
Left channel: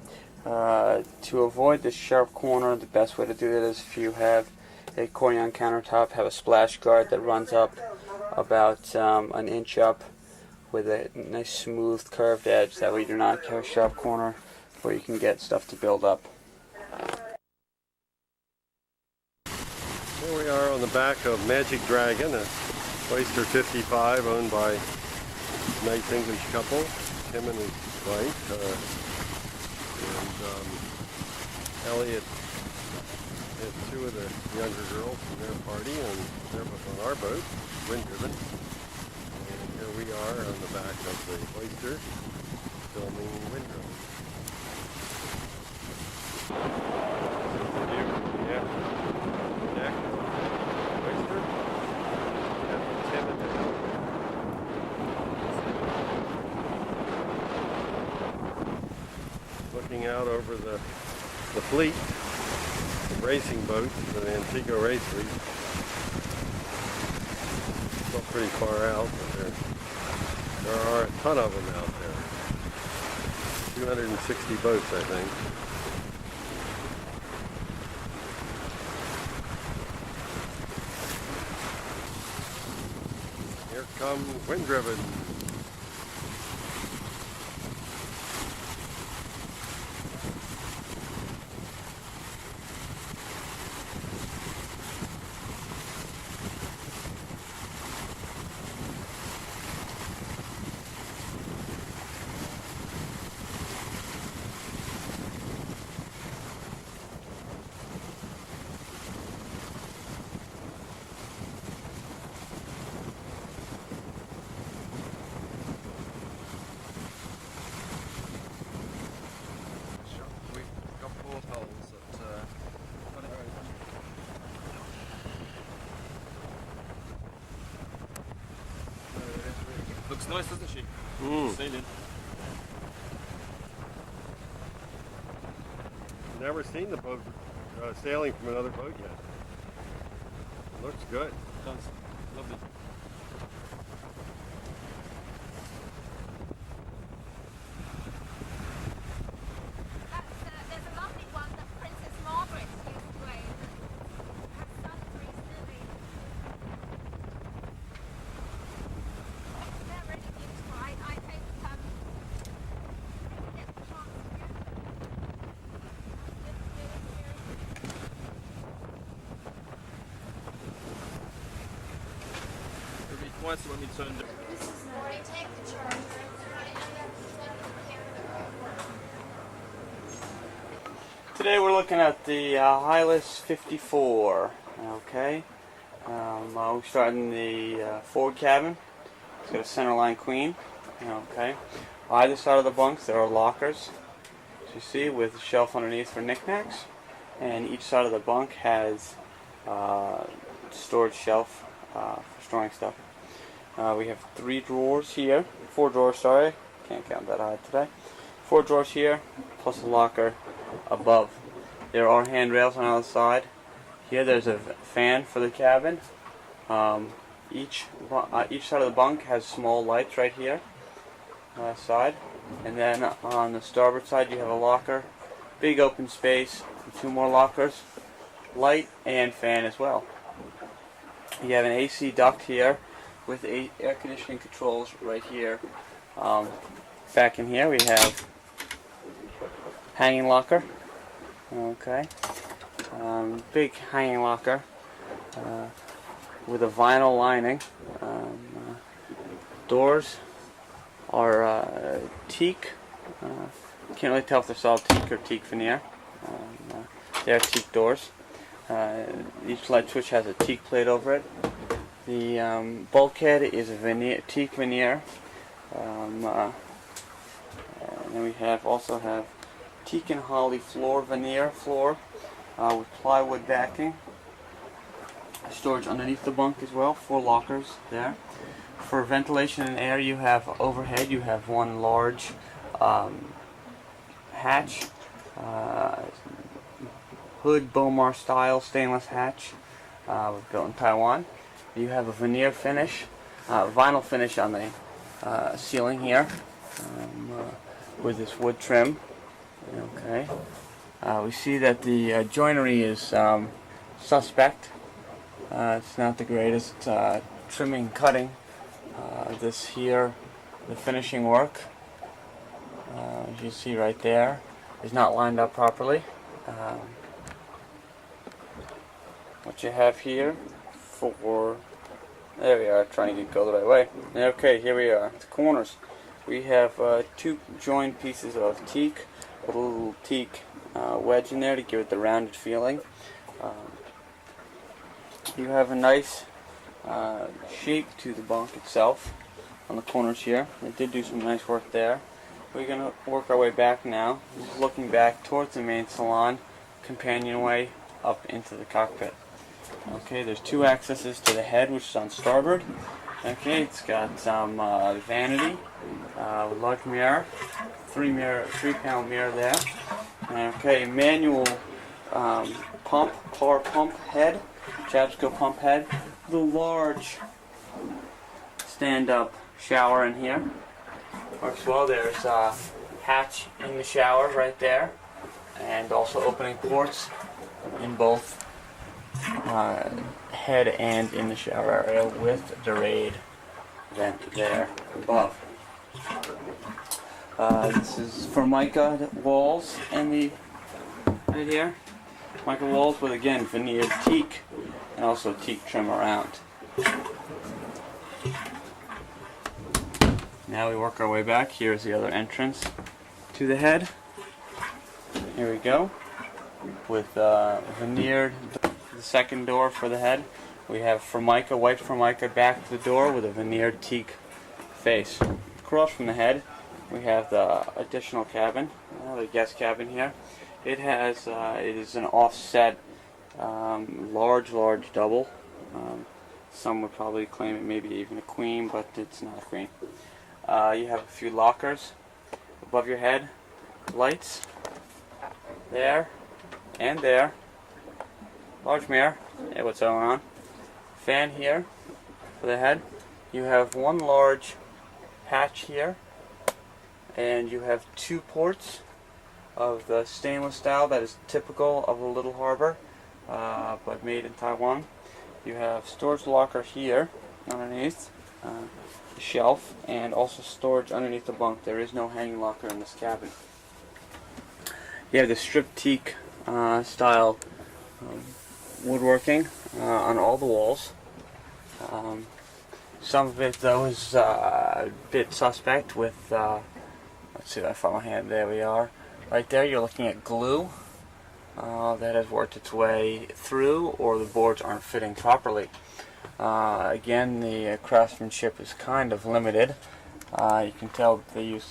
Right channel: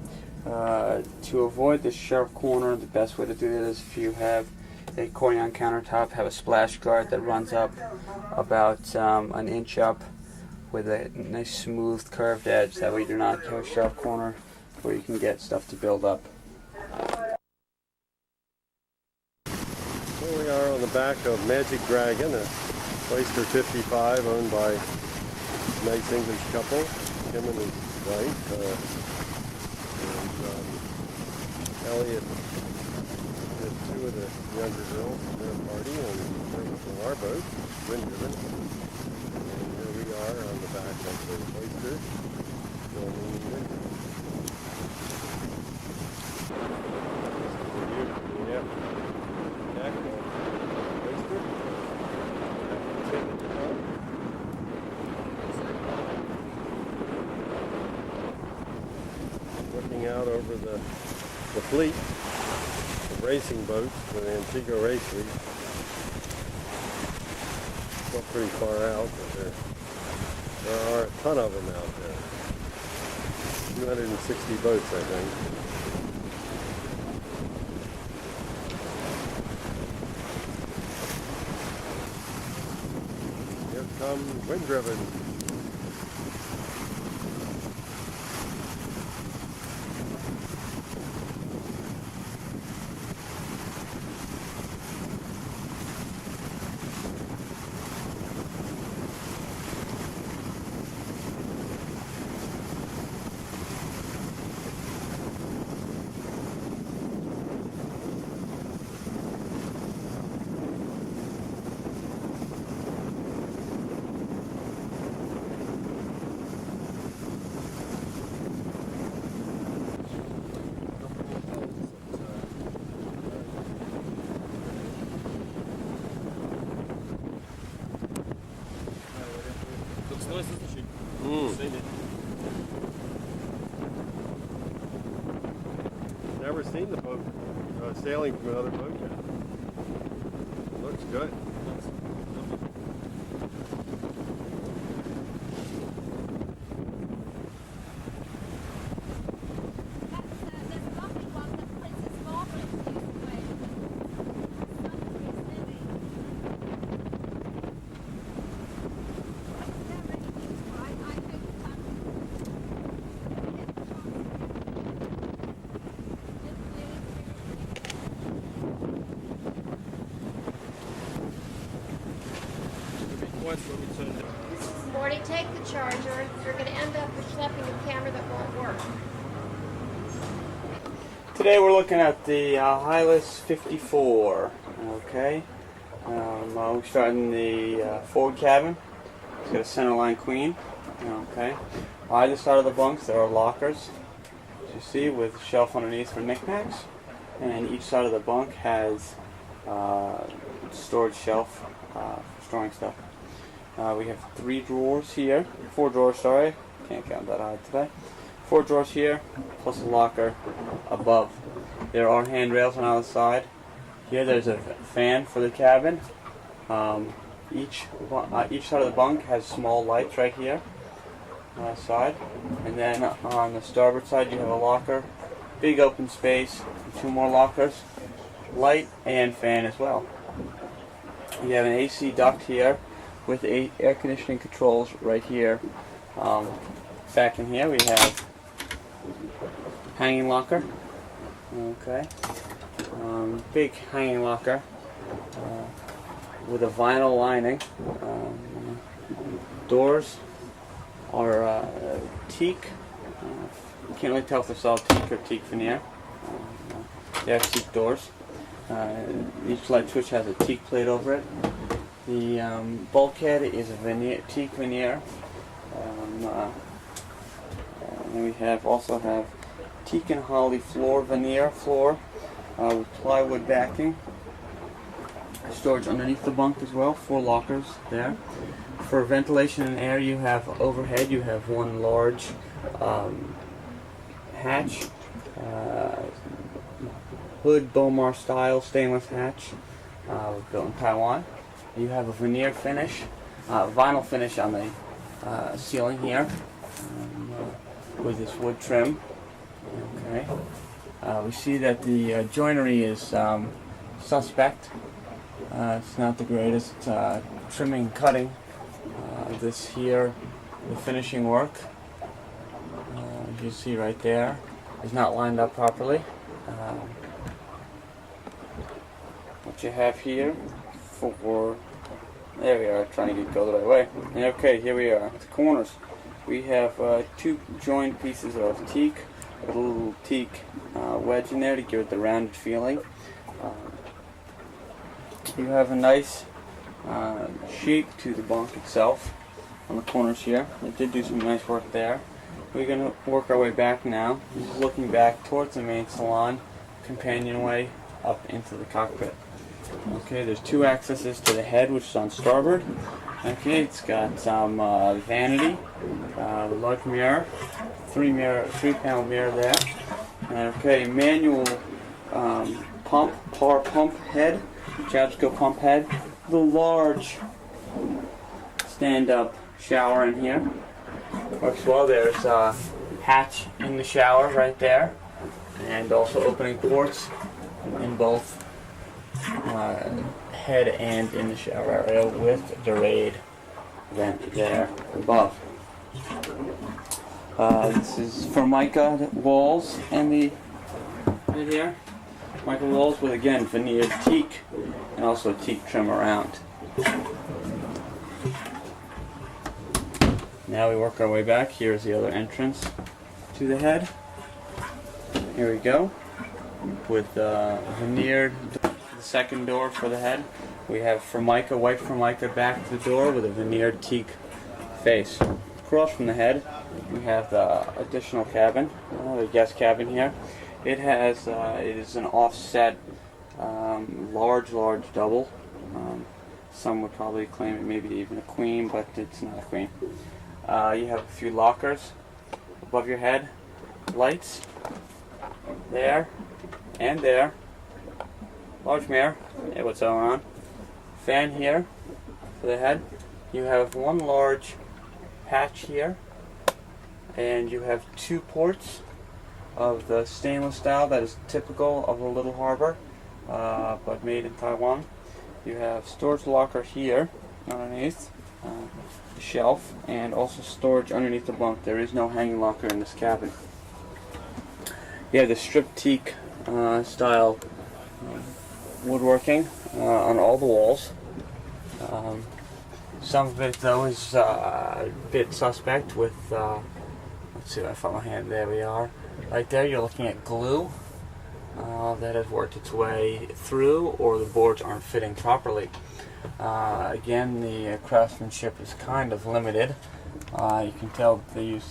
To avoid this sharp corner, the best way to do that is if you have a Corian countertop, have a splash guard that runs up about an inch up with a nice smooth curved edge. That way you do not have a sharp corner where you can get stuff to build up. Here we are on the back of Magic Dragon, a Oyster 55 owned by a nice English couple, him and his wife, and Elliot There's two of the younger girls in their party on our boat, wind driven. And here we are on the back of the oyster, filming wind driven. This is the view from the aft deck of the oyster. Captain Tim at the helm. Looking out over the fleet of racing boats, the Antigua race fleet. Still pretty far out, but there are a ton of them out there. 260 boats, I think. Here comes wind driven. Looks nice, doesn't she? Mm. Never seen the boat sailing from another boat yet. Looks good. That's lovely. There's a lovely one that Princess Margaret used to wear. Her son recently. They're really beautiful. I hope get the chance It'll be quiet when we turn down. Marty, take the charger. You're going to end up schlepping a camera that won't work. Today we're looking at the Hylas 54. Okay, we're starting the forward cabin. It's got a centerline queen. Okay, either side of the bunks there are lockers, as you see, with a shelf underneath for knickknacks, and each side of the bunk has storage shelf for storing stuff. We have 4 drawers, sorry, can't count that high today. 4 drawers here, plus a locker above. There are handrails on either side. Here there's a fan for the cabin. Each side of the bunk has small lights right here on that side. And then on the starboard side you have a locker, big open space, 2 more lockers, light and fan as well. You have an AC duct here with air conditioning controls right here. Back in here we have hanging locker. Okay, big hanging locker with a vinyl lining. Doors are teak. Can't really tell if they're solid teak or teak veneer. They are teak doors. Each light switch has a teak plate over it. The bulkhead is a teak veneer. And then we also have teak and holly veneer floor with plywood backing. Storage underneath the bunk as well, 4 lockers there. For ventilation and air, you have overhead, you have 1 large hatch, hood Bomar style stainless hatch, built in Taiwan. You have a veneer finish, vinyl finish on the ceiling here, with this wood trim. Okay. We see that the joinery is suspect. It's not the greatest. Trimming and cutting. This here, the finishing work, as you see right there, is not lined up properly. What you have here there we are, trying to go the right way. Okay, here we are. The corners. We have 2 joined pieces of teak with a little teak wedge in there to give it the rounded feeling. You have a nice shape to the bunk itself on the corners here. They did do some nice work there. We're going to work our way back now. This is looking back towards the main salon, companionway up into the cockpit. Okay, there's two accesses to the head, which is on starboard. Okay, it's got some vanity, large mirror, three panel mirror there. Okay, manual power pump head, Jabsco pump head, the large stand-up shower in here. Works well. There's a hatch in the shower right there, and also opening ports in both head and in the shower area with the raid vent there above. This is Formica walls and the right here. Formica walls with again veneered teak and also teak trim around. Now we work our way back. Here's the other entrance to the head. Here we go. With veneered, the second door for the head. We have Formica, white Formica back to the door with a veneered teak face. Across from the head, we have the additional cabin, the guest cabin here. It has, it is an offset, large double. Some would probably claim it may be even a queen, but it's not a queen. You have a few lockers above your head, lights there and there, large mirror, yeah, what's going on, fan here for the head. You have one large hatch here, and you have two ports of the stainless style that is typical of a little harbor, but made in Taiwan. You have storage locker here underneath the shelf, and also storage underneath the bunk. There is no hanging locker in this cabin. You have the strip teak style woodworking on all the walls. Some of it though is a bit suspect with, let's see if I find my hand, there we are. Right there you're looking at glue that has worked its way through, or the boards aren't fitting properly. Again, the craftsmanship is kind of limited. You can tell that they used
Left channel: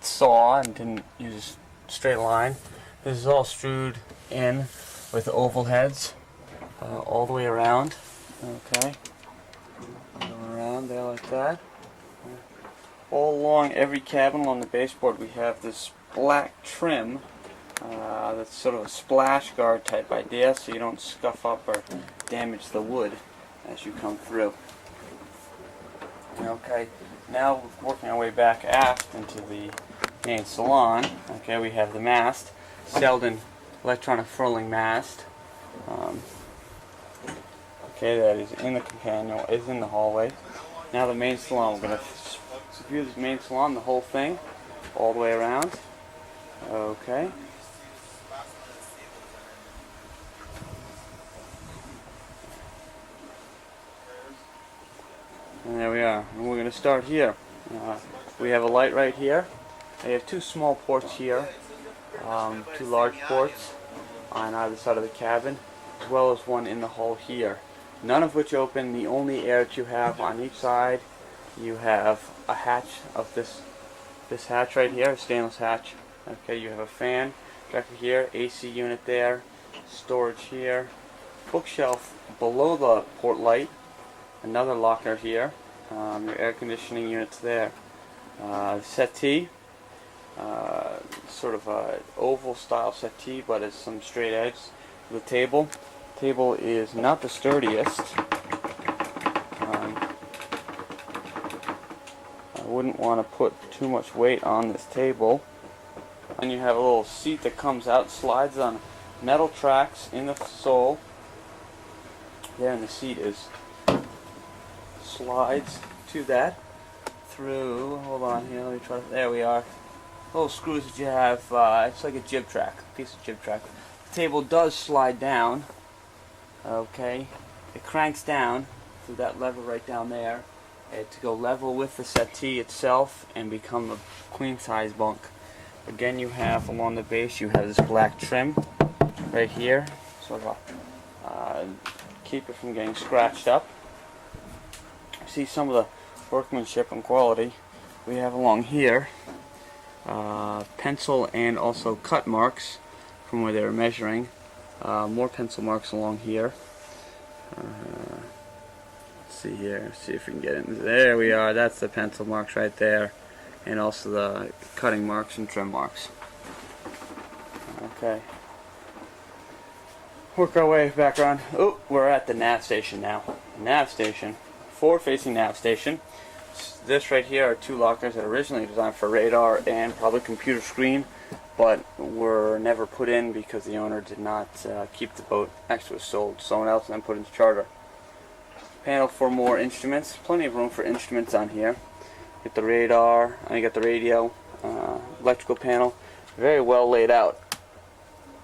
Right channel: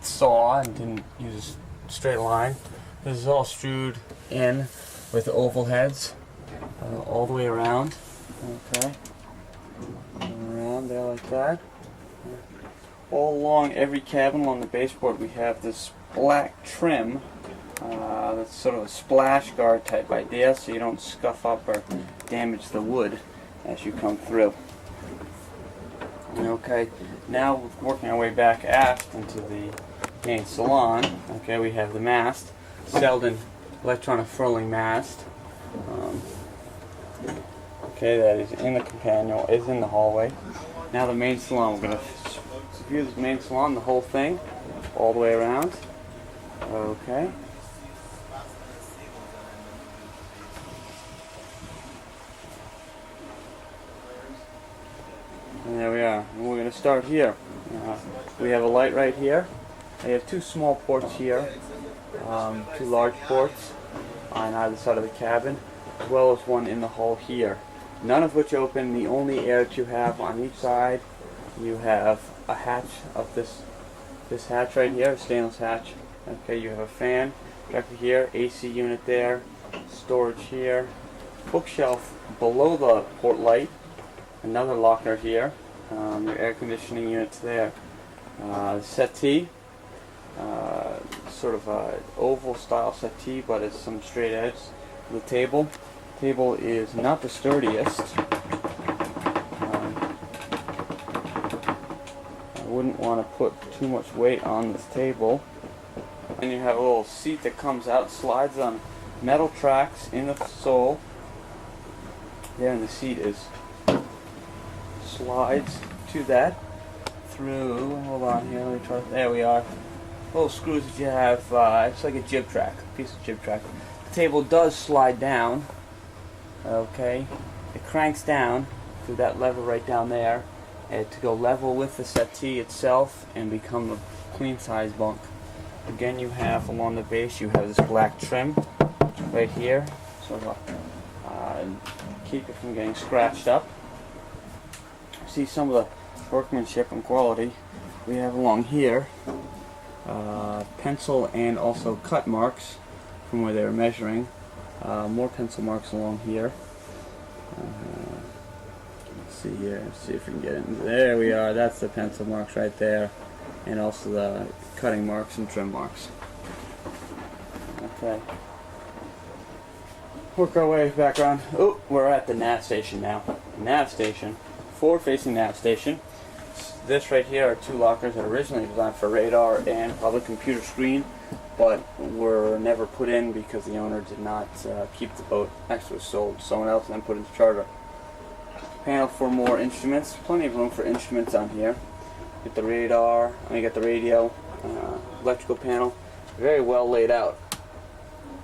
saw and didn't use a straight line. This is all strewed in with oval heads all the way around. Okay, around there like that. All along every cabin along the baseboard we have this black trim that's sort of a splash guard type idea, so you don't scuff up or damage the wood as you come through. Okay, now working our way back aft into the main salon. Okay, we have the mast, Selden electronic furling mast. Okay, that is in the companion, is in the hallway. Now the main salon. We're going to view the main salon, the whole thing, all the way around. Okay. And there we are. And we're going to start here. We have a light right here. We have two small ports here, two large ports on either side of the cabin, as well as one in the hall here. None of which open. The only air that you have on each side, you have a hatch of this hatch right here, a stainless hatch. Okay, you have a fan directly here, AC unit there, storage here, bookshelf below the port light, another locker here, your air conditioning units there. Settee, sort of a oval style settee, but it's some straight edge. The table is not the sturdiest. I wouldn't want to put too much weight on this table. And you have a little seat that comes out, slides on metal tracks in the sole. There, and the seat slides to that through. Hold on here, let me try. There we are. Little screws that you have. It's like a jib track, piece of jib track. The table does slide down. Okay, it cranks down through that lever right down there, and to go level with the settee itself and become a queen size bunk. Again, you have along the base, you have this black trim right here, sort of a keep it from getting scratched up. See some of the workmanship and quality we have along here. Pencil and also cut marks from where they were measuring. More pencil marks along here. Let's see here. Let's see if we can get in. There we are. That's the pencil marks right there, and also the cutting marks and trim marks. Okay. Work our way back around. Oh, we're at the nav station now. Nav station, forward-facing nav station. This right here are two lockers that are originally designed for radar and probably computer screen, but were never put in because the owner did not keep the boat. Actually, was sold to someone else and then put into charter. Panel for more instruments. Plenty of room for instruments on here. Get the radar. And you got the radio, electrical panel. Very well laid out.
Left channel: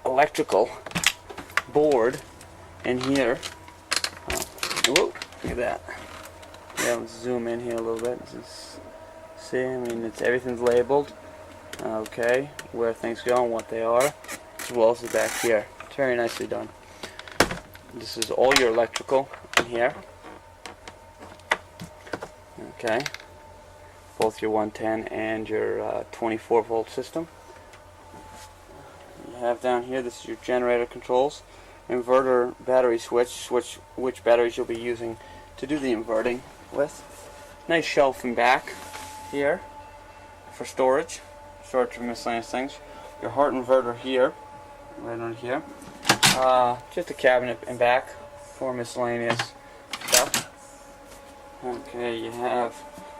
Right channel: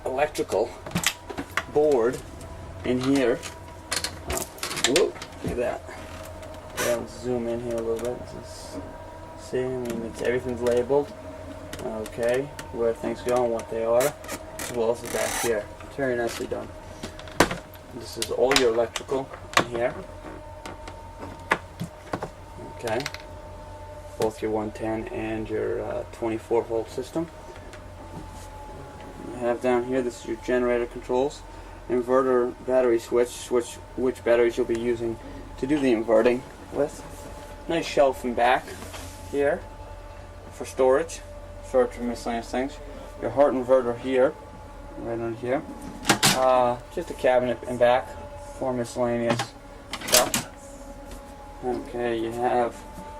Electrical board in here. Whoa, look at that. Yeah, let's zoom in here a little bit. Just see, I mean, everything's labeled. Okay, where things go and what they are, as well as the back here. It's very nicely done. This is all your electrical in here. Okay, both your 110 and your 24 volt system. You have down here, this is your generator controls, inverter battery switch, which batteries you'll be using to do the inverting with. Nice shelf in back here for storage for miscellaneous things. Your heart inverter here, right on here. Just a cabinet in back for miscellaneous stuff. Okay, you have,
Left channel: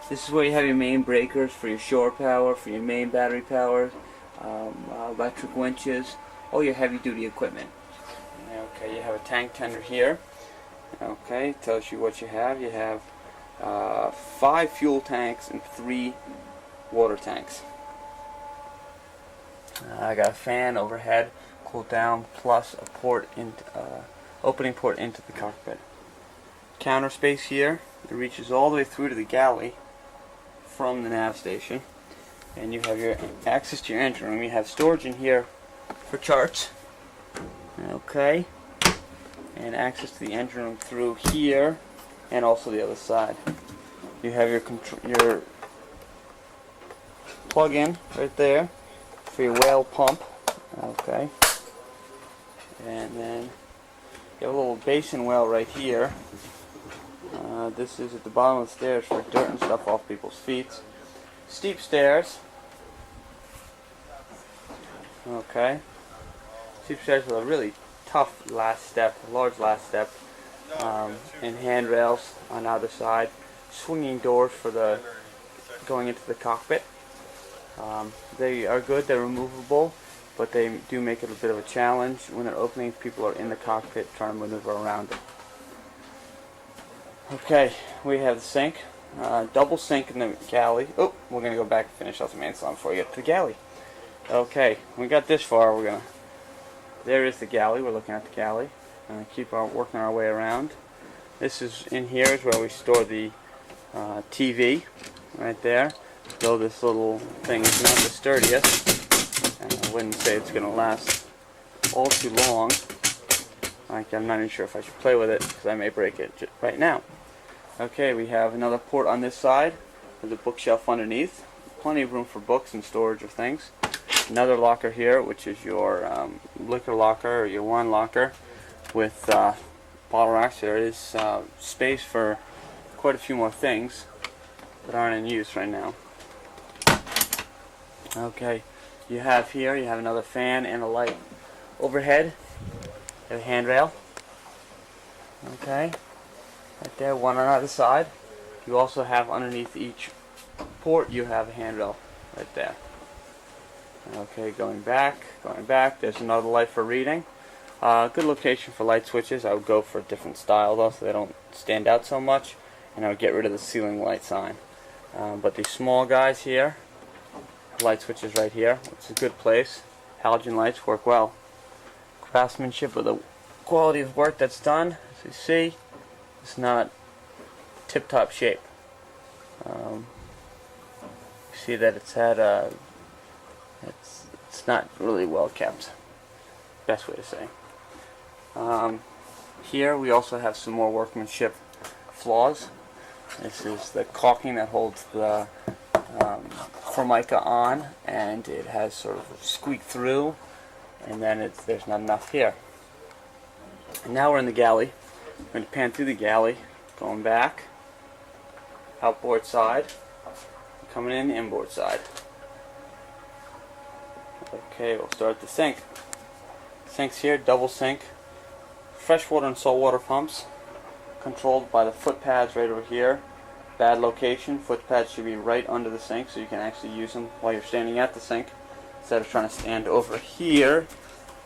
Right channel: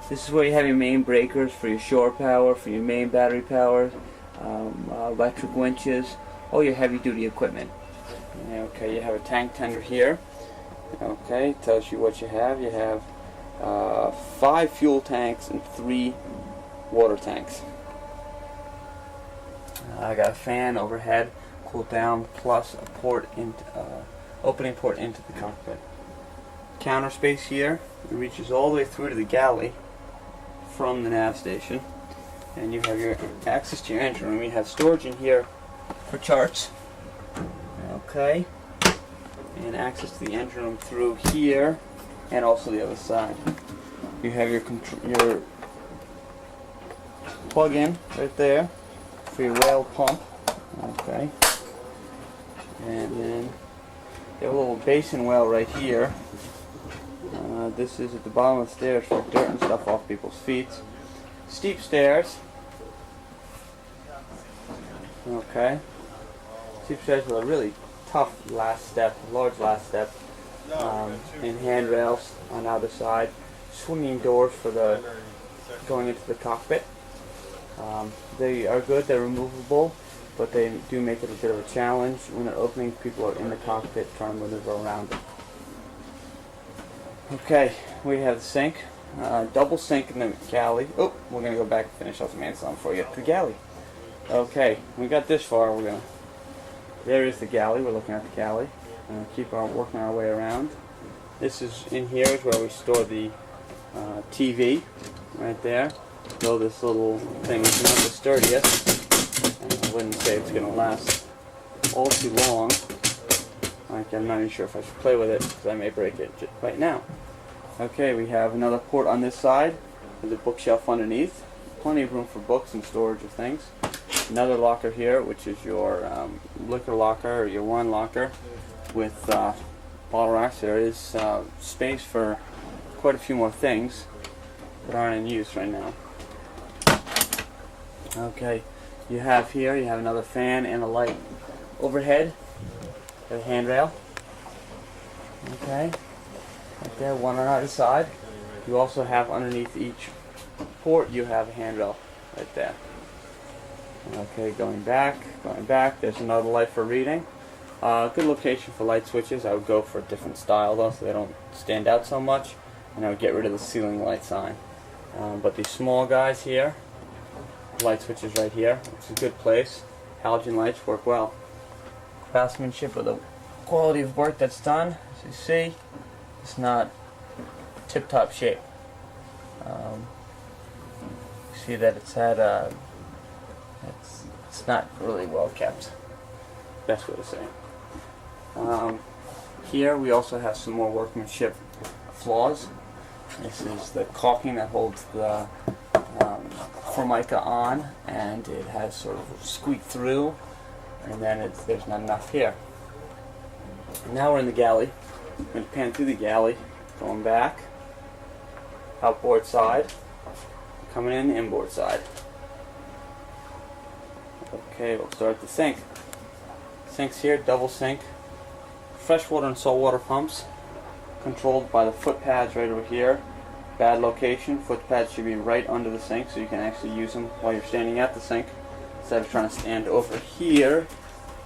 this is where you have your main breakers for your shore power, for your main battery power, electric winches, all your heavy duty equipment. Okay, you have a tank tender here. Okay, tells you what you have. You have 5 fuel tanks and 3 water tanks. I got a fan overhead, cool down, plus a port into, opening port into the cockpit. Counter space here. It reaches all the way through to the galley from the nav station. And you have your access to your engine room. You have storage in here for charts. Okay. And access to the engine room through here and also the other side. You have your plug-in right there for your whale pump. Okay. And then you have a little basin well right here. This is at the bottom of the stairs for dirt and stuff off people's feet. Steep stairs. Okay. Steep stairs with a really tough last step, large last step, and handrails on either side. Swinging doors for the going into the cockpit. They are good. They're removable, but they do make it a bit of a challenge when they're opening. People are in the cockpit trying to maneuver around it. Okay, we have the sink, double sink in the galley. Oh, we're gonna go back and finish off the main salon before we get to the galley. Okay, we got this far. There is the galley. We're looking at the galley. Keep working our way around. This is in here is where we store the TV, right there. Though this little thing is not the sturdiest, and I wouldn't say it's going to last all too long. I'm not even sure if I should play with it because I may break it right now. Okay, we have another port on this side with a bookshelf underneath. Plenty of room for books and storage of things. Another locker here, which is your liquor locker or your wine locker with bottle racks. There is space for quite a few more things that aren't in use right now. Okay, you have another fan and a light overhead. A handrail. Okay, right there, one on either side. You also have underneath each port, you have a handrail right there. Okay, going back. There's another light for reading. Good location for light switches. I would go for a different style though, so they don't stand out so much. And I would get rid of the ceiling light sign. But these small guys here, light switches right here. It's a good place. Halogen lights work well. Craftsmanship with the quality of work that's done. As you see, it's not tip-top shape. You see that it's had it's not really well kept. Best way to say. Here we also have some more workmanship flaws. This is the caulking that holds the Formica on, and it has sort of squeaked through, and then there's not enough here. And now we're in the galley. We're going to pan through the galley, going back, outboard side, coming in inboard side. Okay, we'll start at the sink. Sink's here, double sink, freshwater and saltwater pumps, controlled by the foot pads right over here. Bad location. Foot pads should be right under the sink so you can actually use them while you're standing at the sink instead of trying to stand over here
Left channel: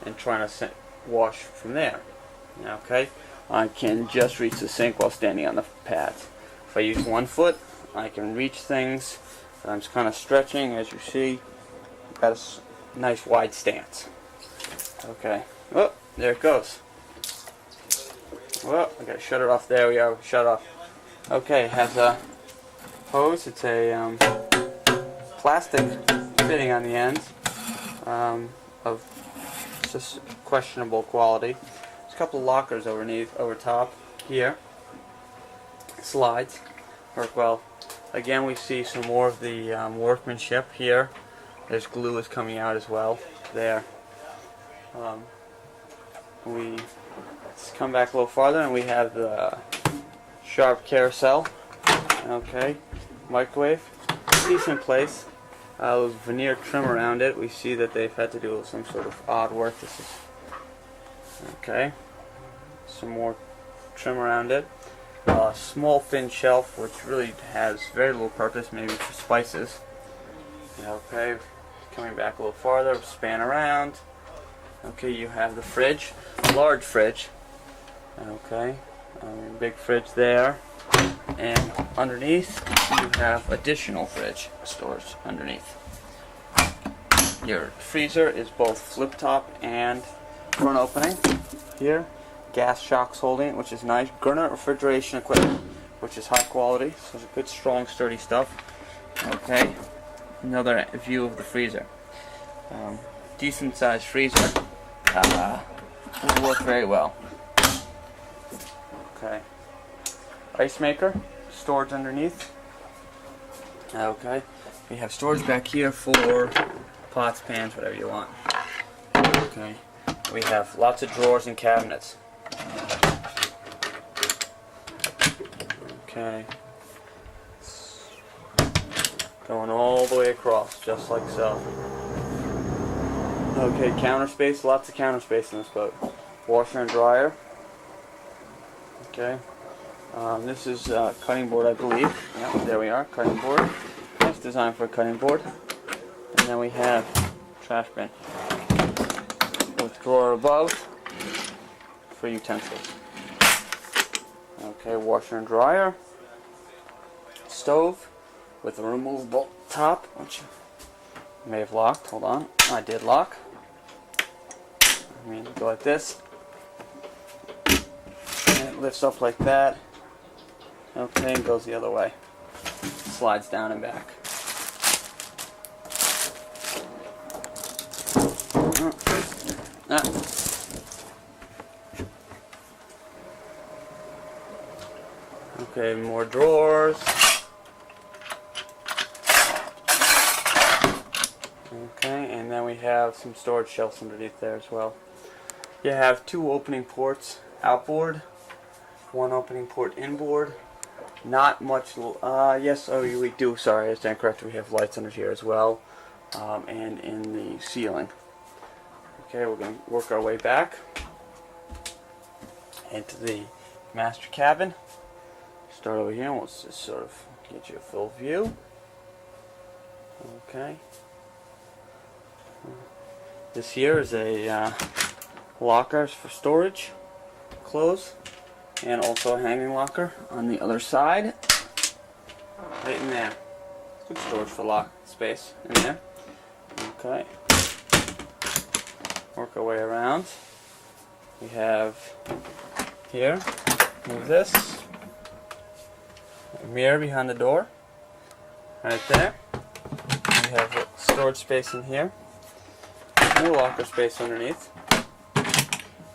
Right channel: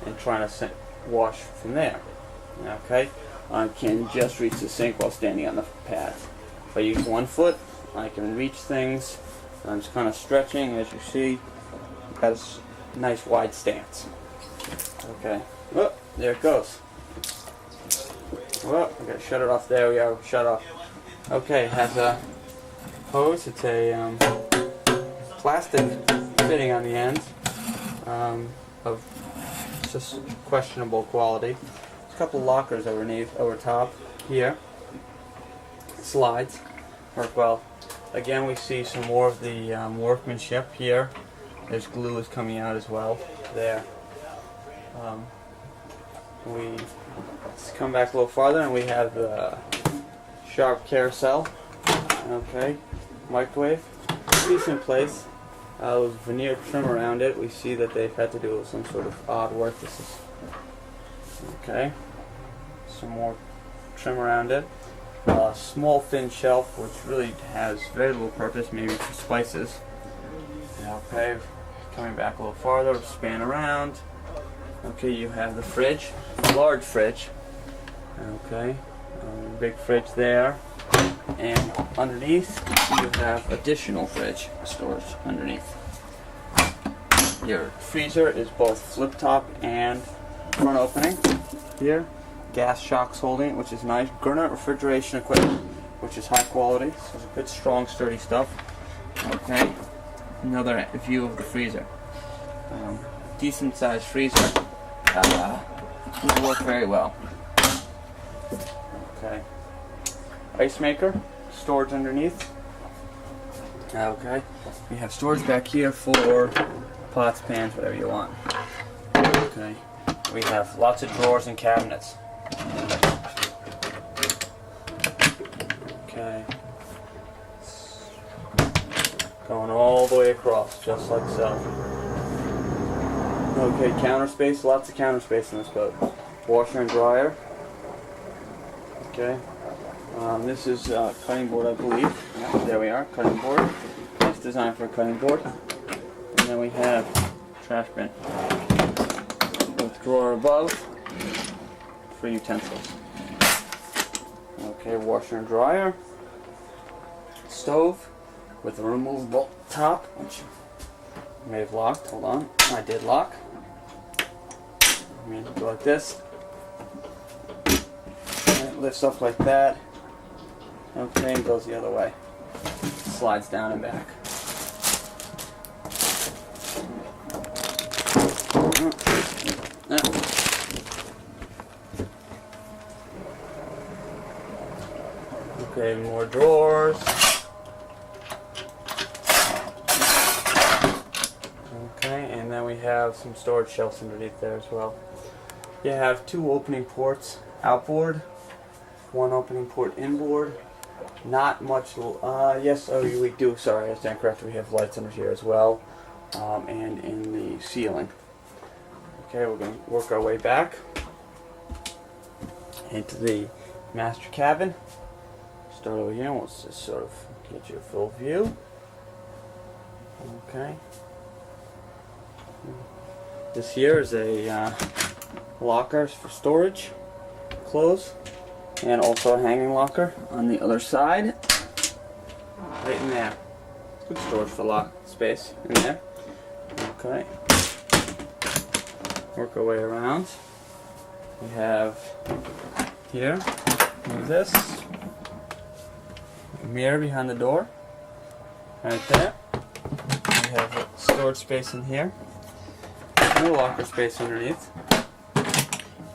and trying to wash from there. Okay, I can just reach the sink while standing on the pad. If I use one foot, I can reach things. I'm just kind of stretching, as you see. Got a nice wide stance. Okay. Oh, there it goes. Well, I gotta shut it off. There we are. Shut off. Okay, it has a hose. It's a plastic fitting on the end of just questionable quality. There's a couple of lockers over top here. Slides work well. Again, we see some more of the workmanship here. There's glue is coming out as well. There. Let's come back a little farther, and we have the sharp carousel. Okay, microwave, decent place. With veneer trim around it, we see that they've had to do some sort of odd work. This is okay. Some more trim around it. Small thin shelf, which really has very little purpose, maybe for spices. Okay, coming back a little farther, span around. Okay, you have the fridge, large fridge. Okay, big fridge there, and underneath you have additional fridge storage underneath. Your freezer is both flip top and front opening. Here, gas shocks holding it, which is nice. Gurnett refrigeration equipment, which is high quality, so it's good, strong, sturdy stuff. Okay, another view of the freezer. Decent sized freezer. Will work very well. Okay. Ice maker, storage underneath. Okay. We have storage back here for pots, pans, whatever you want. Okay. We have lots of drawers and cabinets. Okay. Going all the way across, just like so. Okay, counter space, lots of counter space in this boat. Washer and dryer. Okay. This is cutting board, I believe. Yeah, there we are, cutting board. It's designed for a cutting board. And then we have trash bin with drawer above for utensils. Okay, washer and dryer. Stove with a removable top, which I may have locked. Hold on, I did lock. I mean, go like this, and it lifts up like that. Okay, and goes the other way. Slides down and back. Okay, more drawers. Okay, and then we have some storage shelves underneath there as well. You have two opening ports outboard, one opening port inboard. Not much, yes, oh, we do, sorry, I stand corrected. We have lights under here as well, and in the ceiling. Okay, we're going to work our way back into the master cabin. Start over here, and we'll just sort of get you a full view. Okay. This here is a locker for storage, clothes, and also a hanging locker on the other side, right in there. Good storage for lock space in there. Okay. Work our way around. We have here, move this, a mirror behind the door, right there. We have storage space in here. No locker space underneath.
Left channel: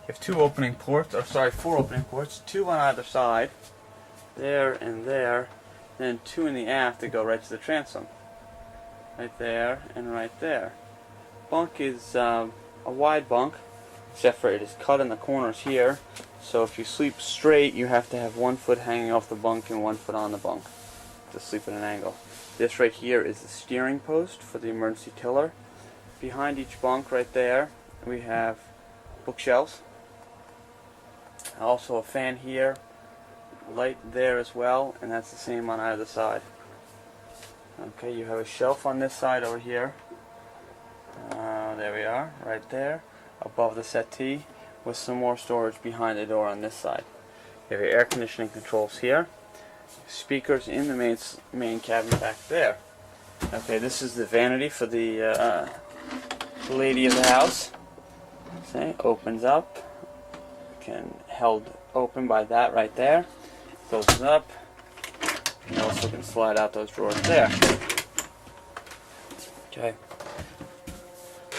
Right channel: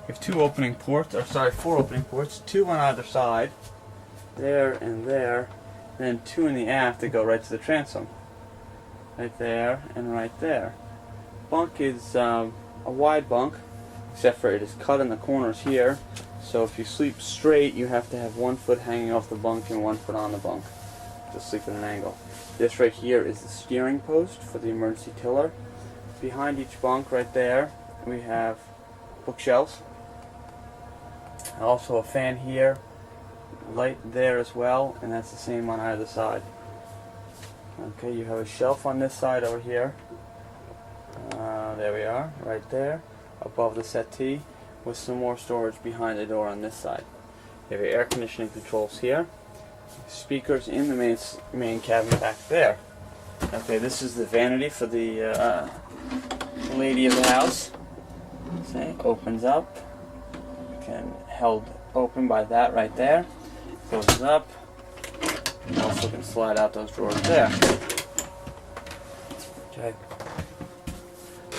You have two opening ports, or sorry, four opening ports, two on either side, there and there, then two in the aft that go right to the transom. Right there and right there. Bunk is a wide bunk, except for it is cut in the corners here. So if you sleep straight, you have to have 1 foot hanging off the bunk and 1 foot on the bunk to sleep at an angle. This right here is the steering post for the emergency tiller. Behind each bunk right there, we have bookshelves. Also a fan here, light there as well, and that's the same on either side. Okay, you have a shelf on this side over here. There we are, right there, above the settee, with some more storage behind the door on this side. You have your air conditioning controls here. Speakers in the main cabin back there. Okay, this is the vanity for the lady of the house. See, opens up. Can held open by that right there. Closes up. You also can slide out those drawers there. Okay.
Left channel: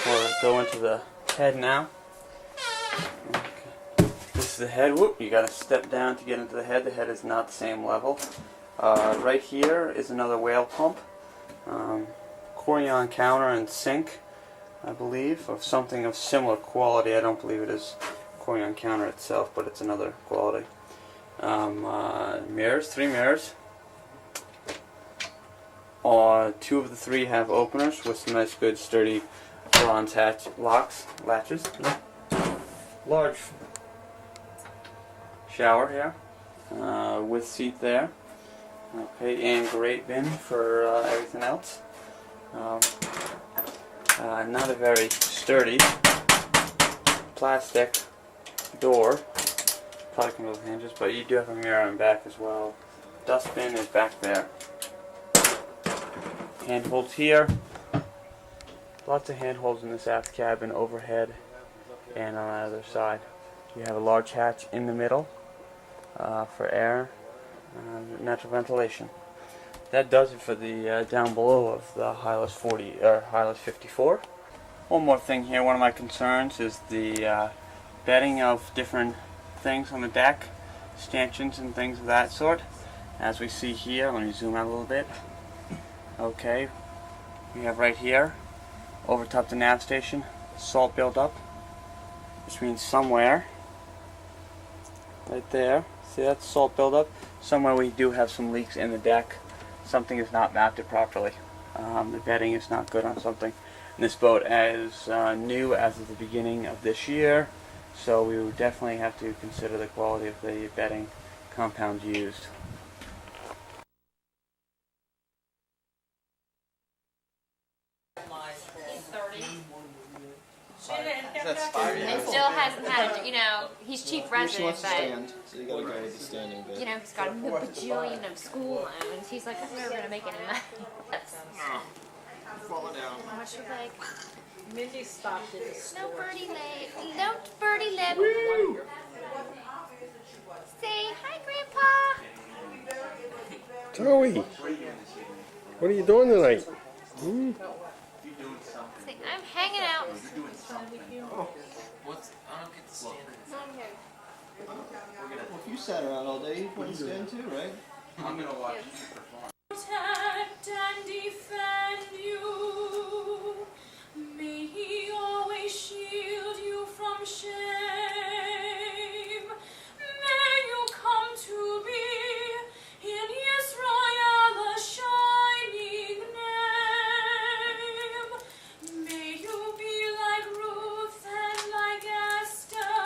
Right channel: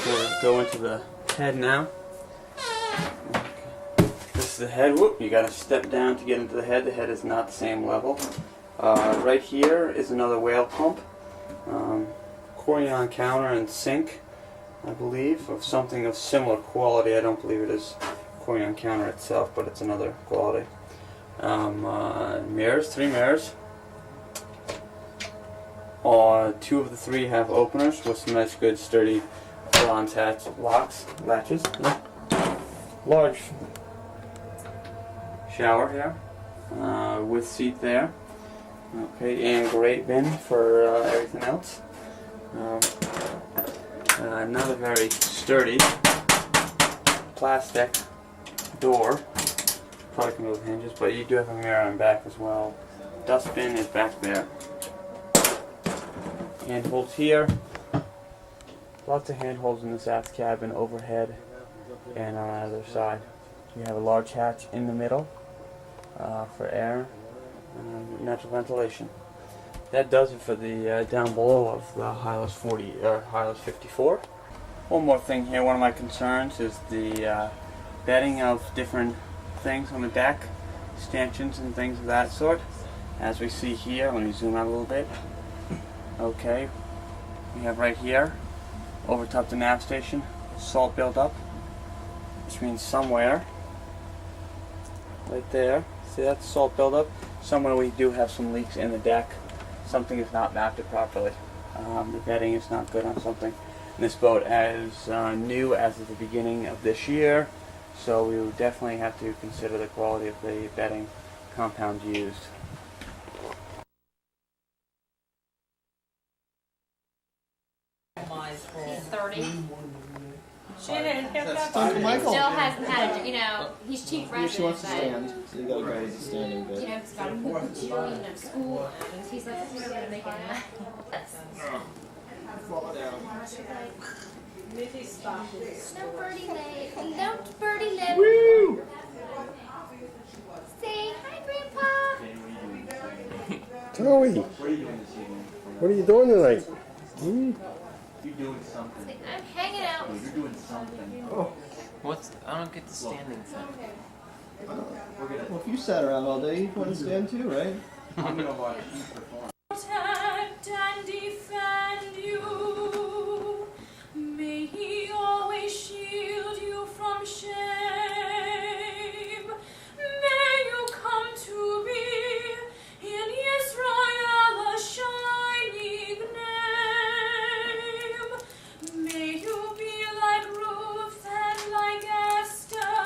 We'll go into the head now. Okay. This is the head. Whoop! You got to step down to get into the head. The head is not the same level. Right here is another whale pump. Corian counter and sink, I believe, of something of similar quality. I don't believe it is Corian counter itself, but it's another quality. Mirrors, 3 mirrors. 2 of the 3 have openers with some nice, good, sturdy bronze latches. Large shower here, with seat there. Okay, and great bin for everything else. Not a very sturdy plastic door. Probably come with hinges, but you do have a mirror on back as well. Dustbin is back there. Handholds here. Lots of handholds in this aft cabin, overhead, and on either side. You have a large hatch in the middle for air and natural ventilation. That does it for the down below of the Hylas 40 or Hylas 54. One more thing here. One of my concerns is the bedding of different things on the deck, stanchions and things of that sort. As we see here, let me zoom out a little bit. Okay, we have right here, over top the nav station, salt buildup, which means somewhere, right there, see that's salt buildup. Somewhere we do have some leaks in the deck. Something is not mounted properly. The bedding is not good on something. And this boat is new as of the beginning of this year, so we would definitely have to consider the quality of the bedding compound used. He's 30. Shannon, Still hasn't had a, he's chief She resident, wants to but, stand, so you gotta go with the standing bit. he's got a bajillion of school loans. He's like, I'm never gonna make any money. Fall down. She's like, Missy stopped it. no birdie lay, don't birdie lay. Woo! Say hi, Grandpa. Joey, what are you doing tonight? You're doing something. Say, I'm hanging out. You're doing something. What's I don't get the standing thing. Well, if you sat around all day, you'd want to stand too, right? I'm gonna watch you perform. Protect and defend you. May he always shield you from shame. May you come to be in Israel a shining name. May you be like Ruth and like Esther.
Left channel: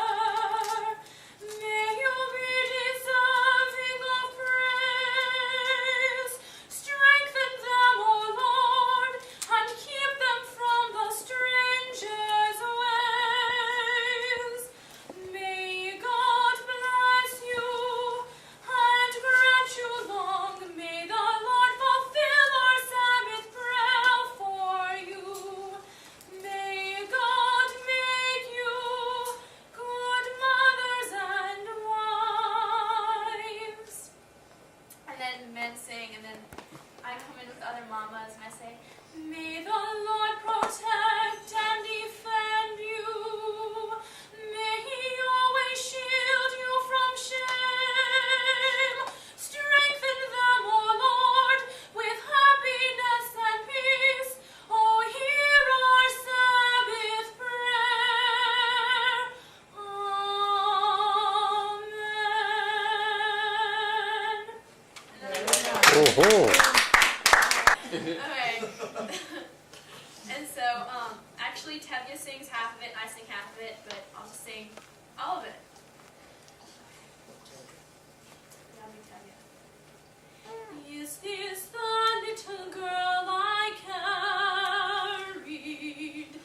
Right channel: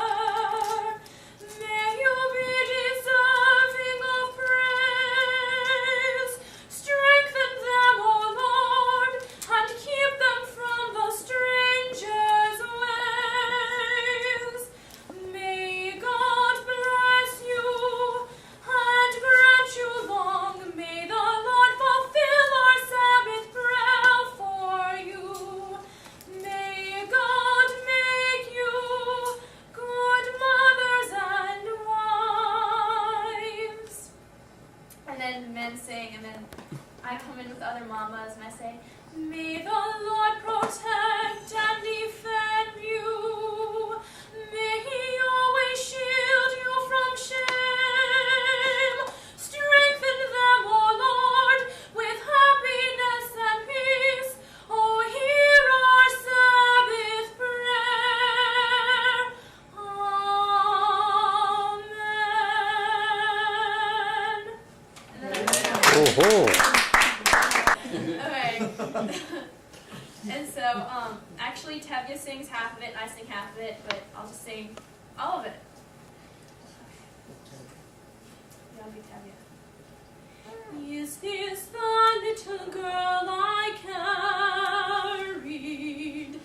May you be deserving of praise. Oh, Okay. And so, actually Tevye sings half of it and I sing half of it, but I'll just sing all of it. Yeah, I'll be Tevye. Is this the little girl I carried?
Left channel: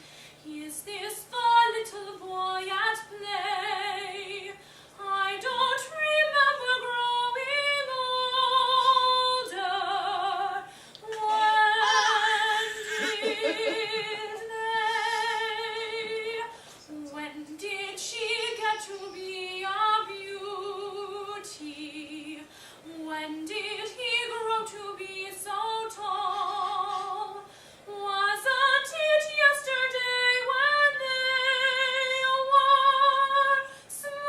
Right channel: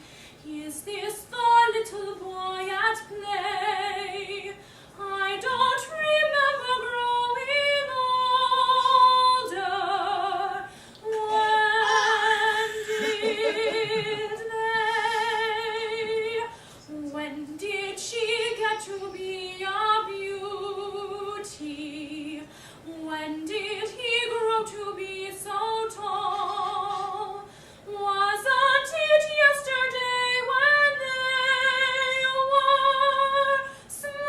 Is this the little boy at play? I don't remember growing older. When did she get to be a beauty? When did he grow to be so tall? Wasn't it yesterday when they were small?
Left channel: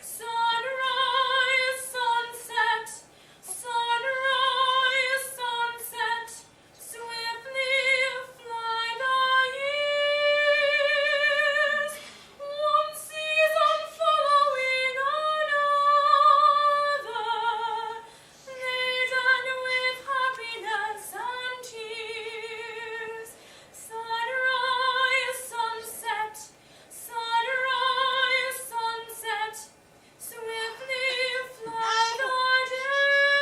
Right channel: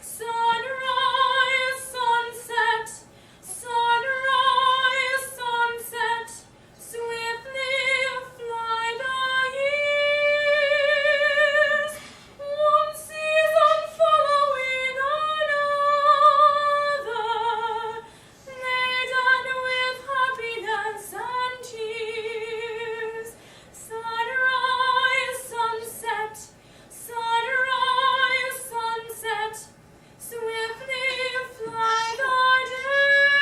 Sunrise, sunset, sunrise, sunset, swiftly fly the years. One season following another, laden with happiness and tears. Sunrise, sunset, sunrise, sunset, swiftly fly the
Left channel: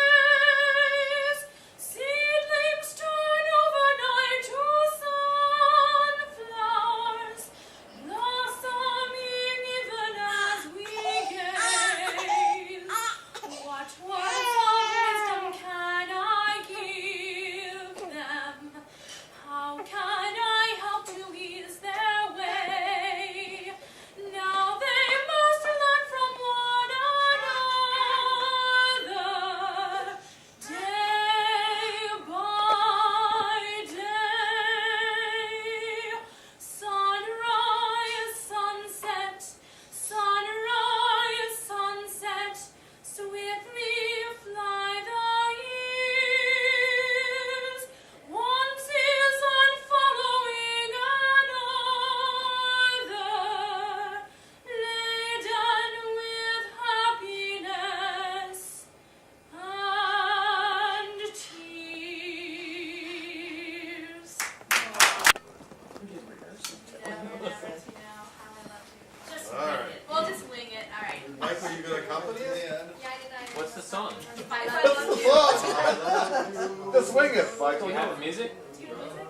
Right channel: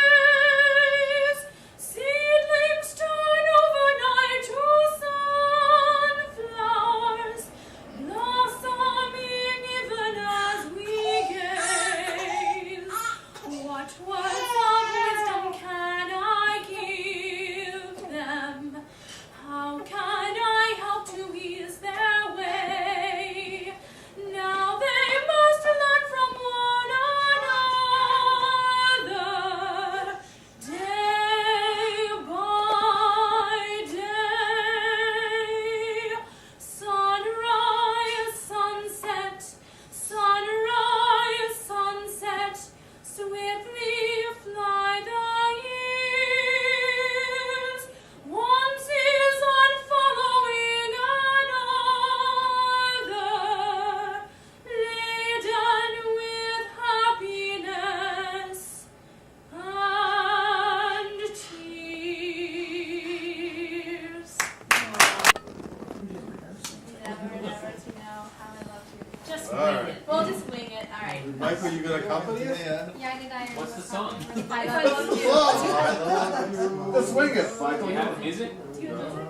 days. Seedlings turn overnight to sunflowers, blossoming even as we gaze. What words of wisdom can I give them? How can I help to ease their way? Now they must learn from one another, day by day. Sunrise, sunset, sunrise, sunset, swiftly fly the years. One season following another, laden with happiness and tears. Never to know how I love you. Just All wing right. it. We'll just wing it. All right. Michael, you gonna accompany us? Yeah. Yeah, I did. What's the song? I love you. Let's swing it, Do Michael. you have music? Do you have music?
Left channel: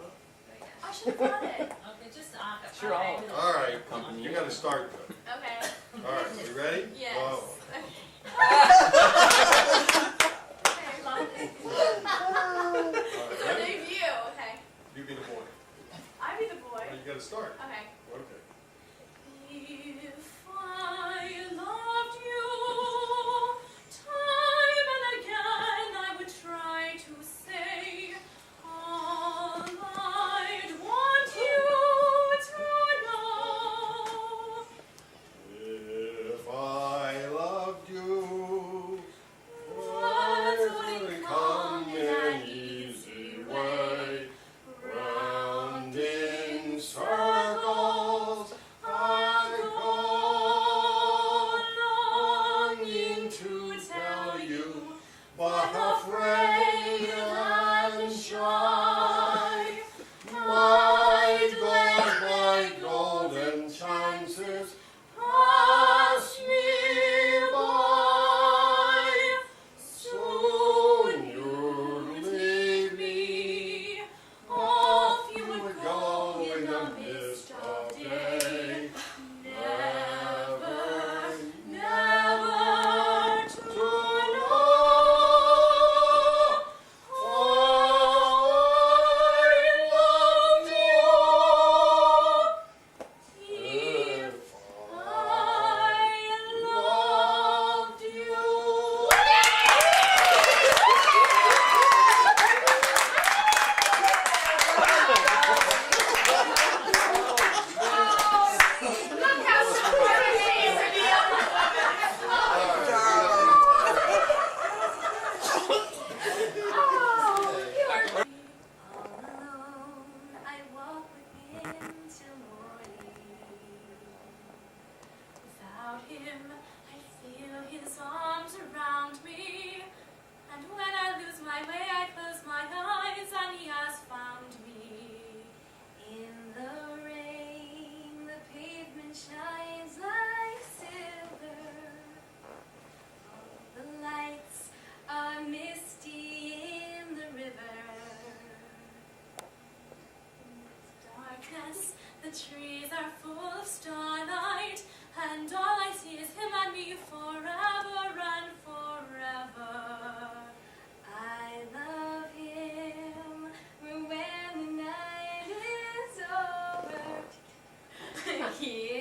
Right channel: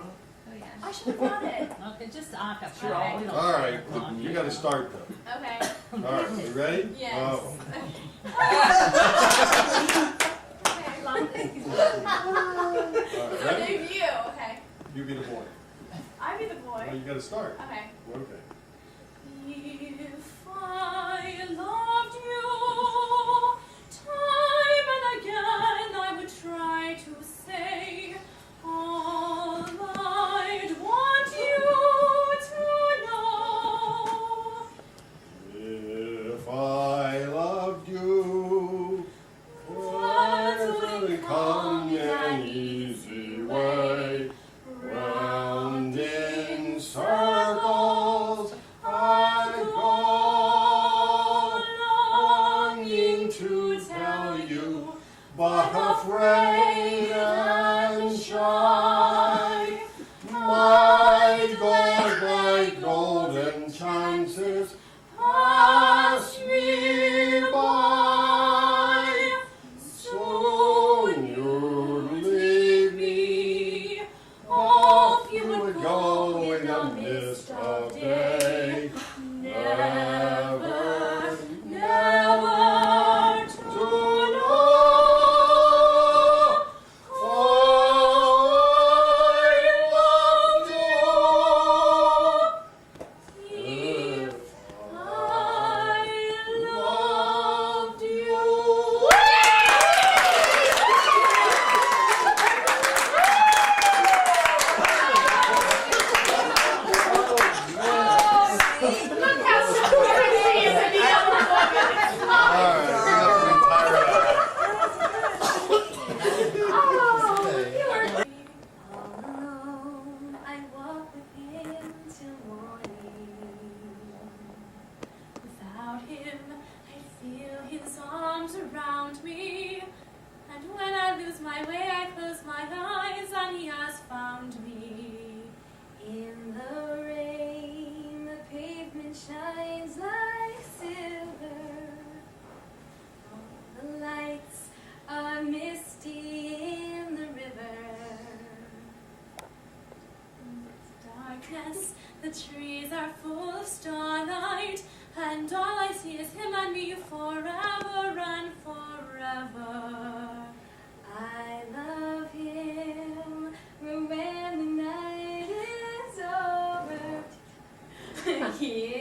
I should have brought it. Okay, just acapella. Sure, I'll- All right, you gotta start though. Okay. All right, you ready? Yes. Oh. Okay. All right, So ready? debut. Okay. You be the boy. I be the boy. Well, you gotta start. Okay. Okay. If I loved you, time and again I would try to say all I'd want you to know. If I loved you, Words words wouldn't come in an easy way. Round in circles I go, longing to tell you, but afraid and shy. My golden chances pass me by. Soon you'll leave me, off you would go in the mist of day. Never, never to know. I loved you. darkness, the trees are full of starlight, and all I see is him and me forever and forever. I love him, but when the night is over, he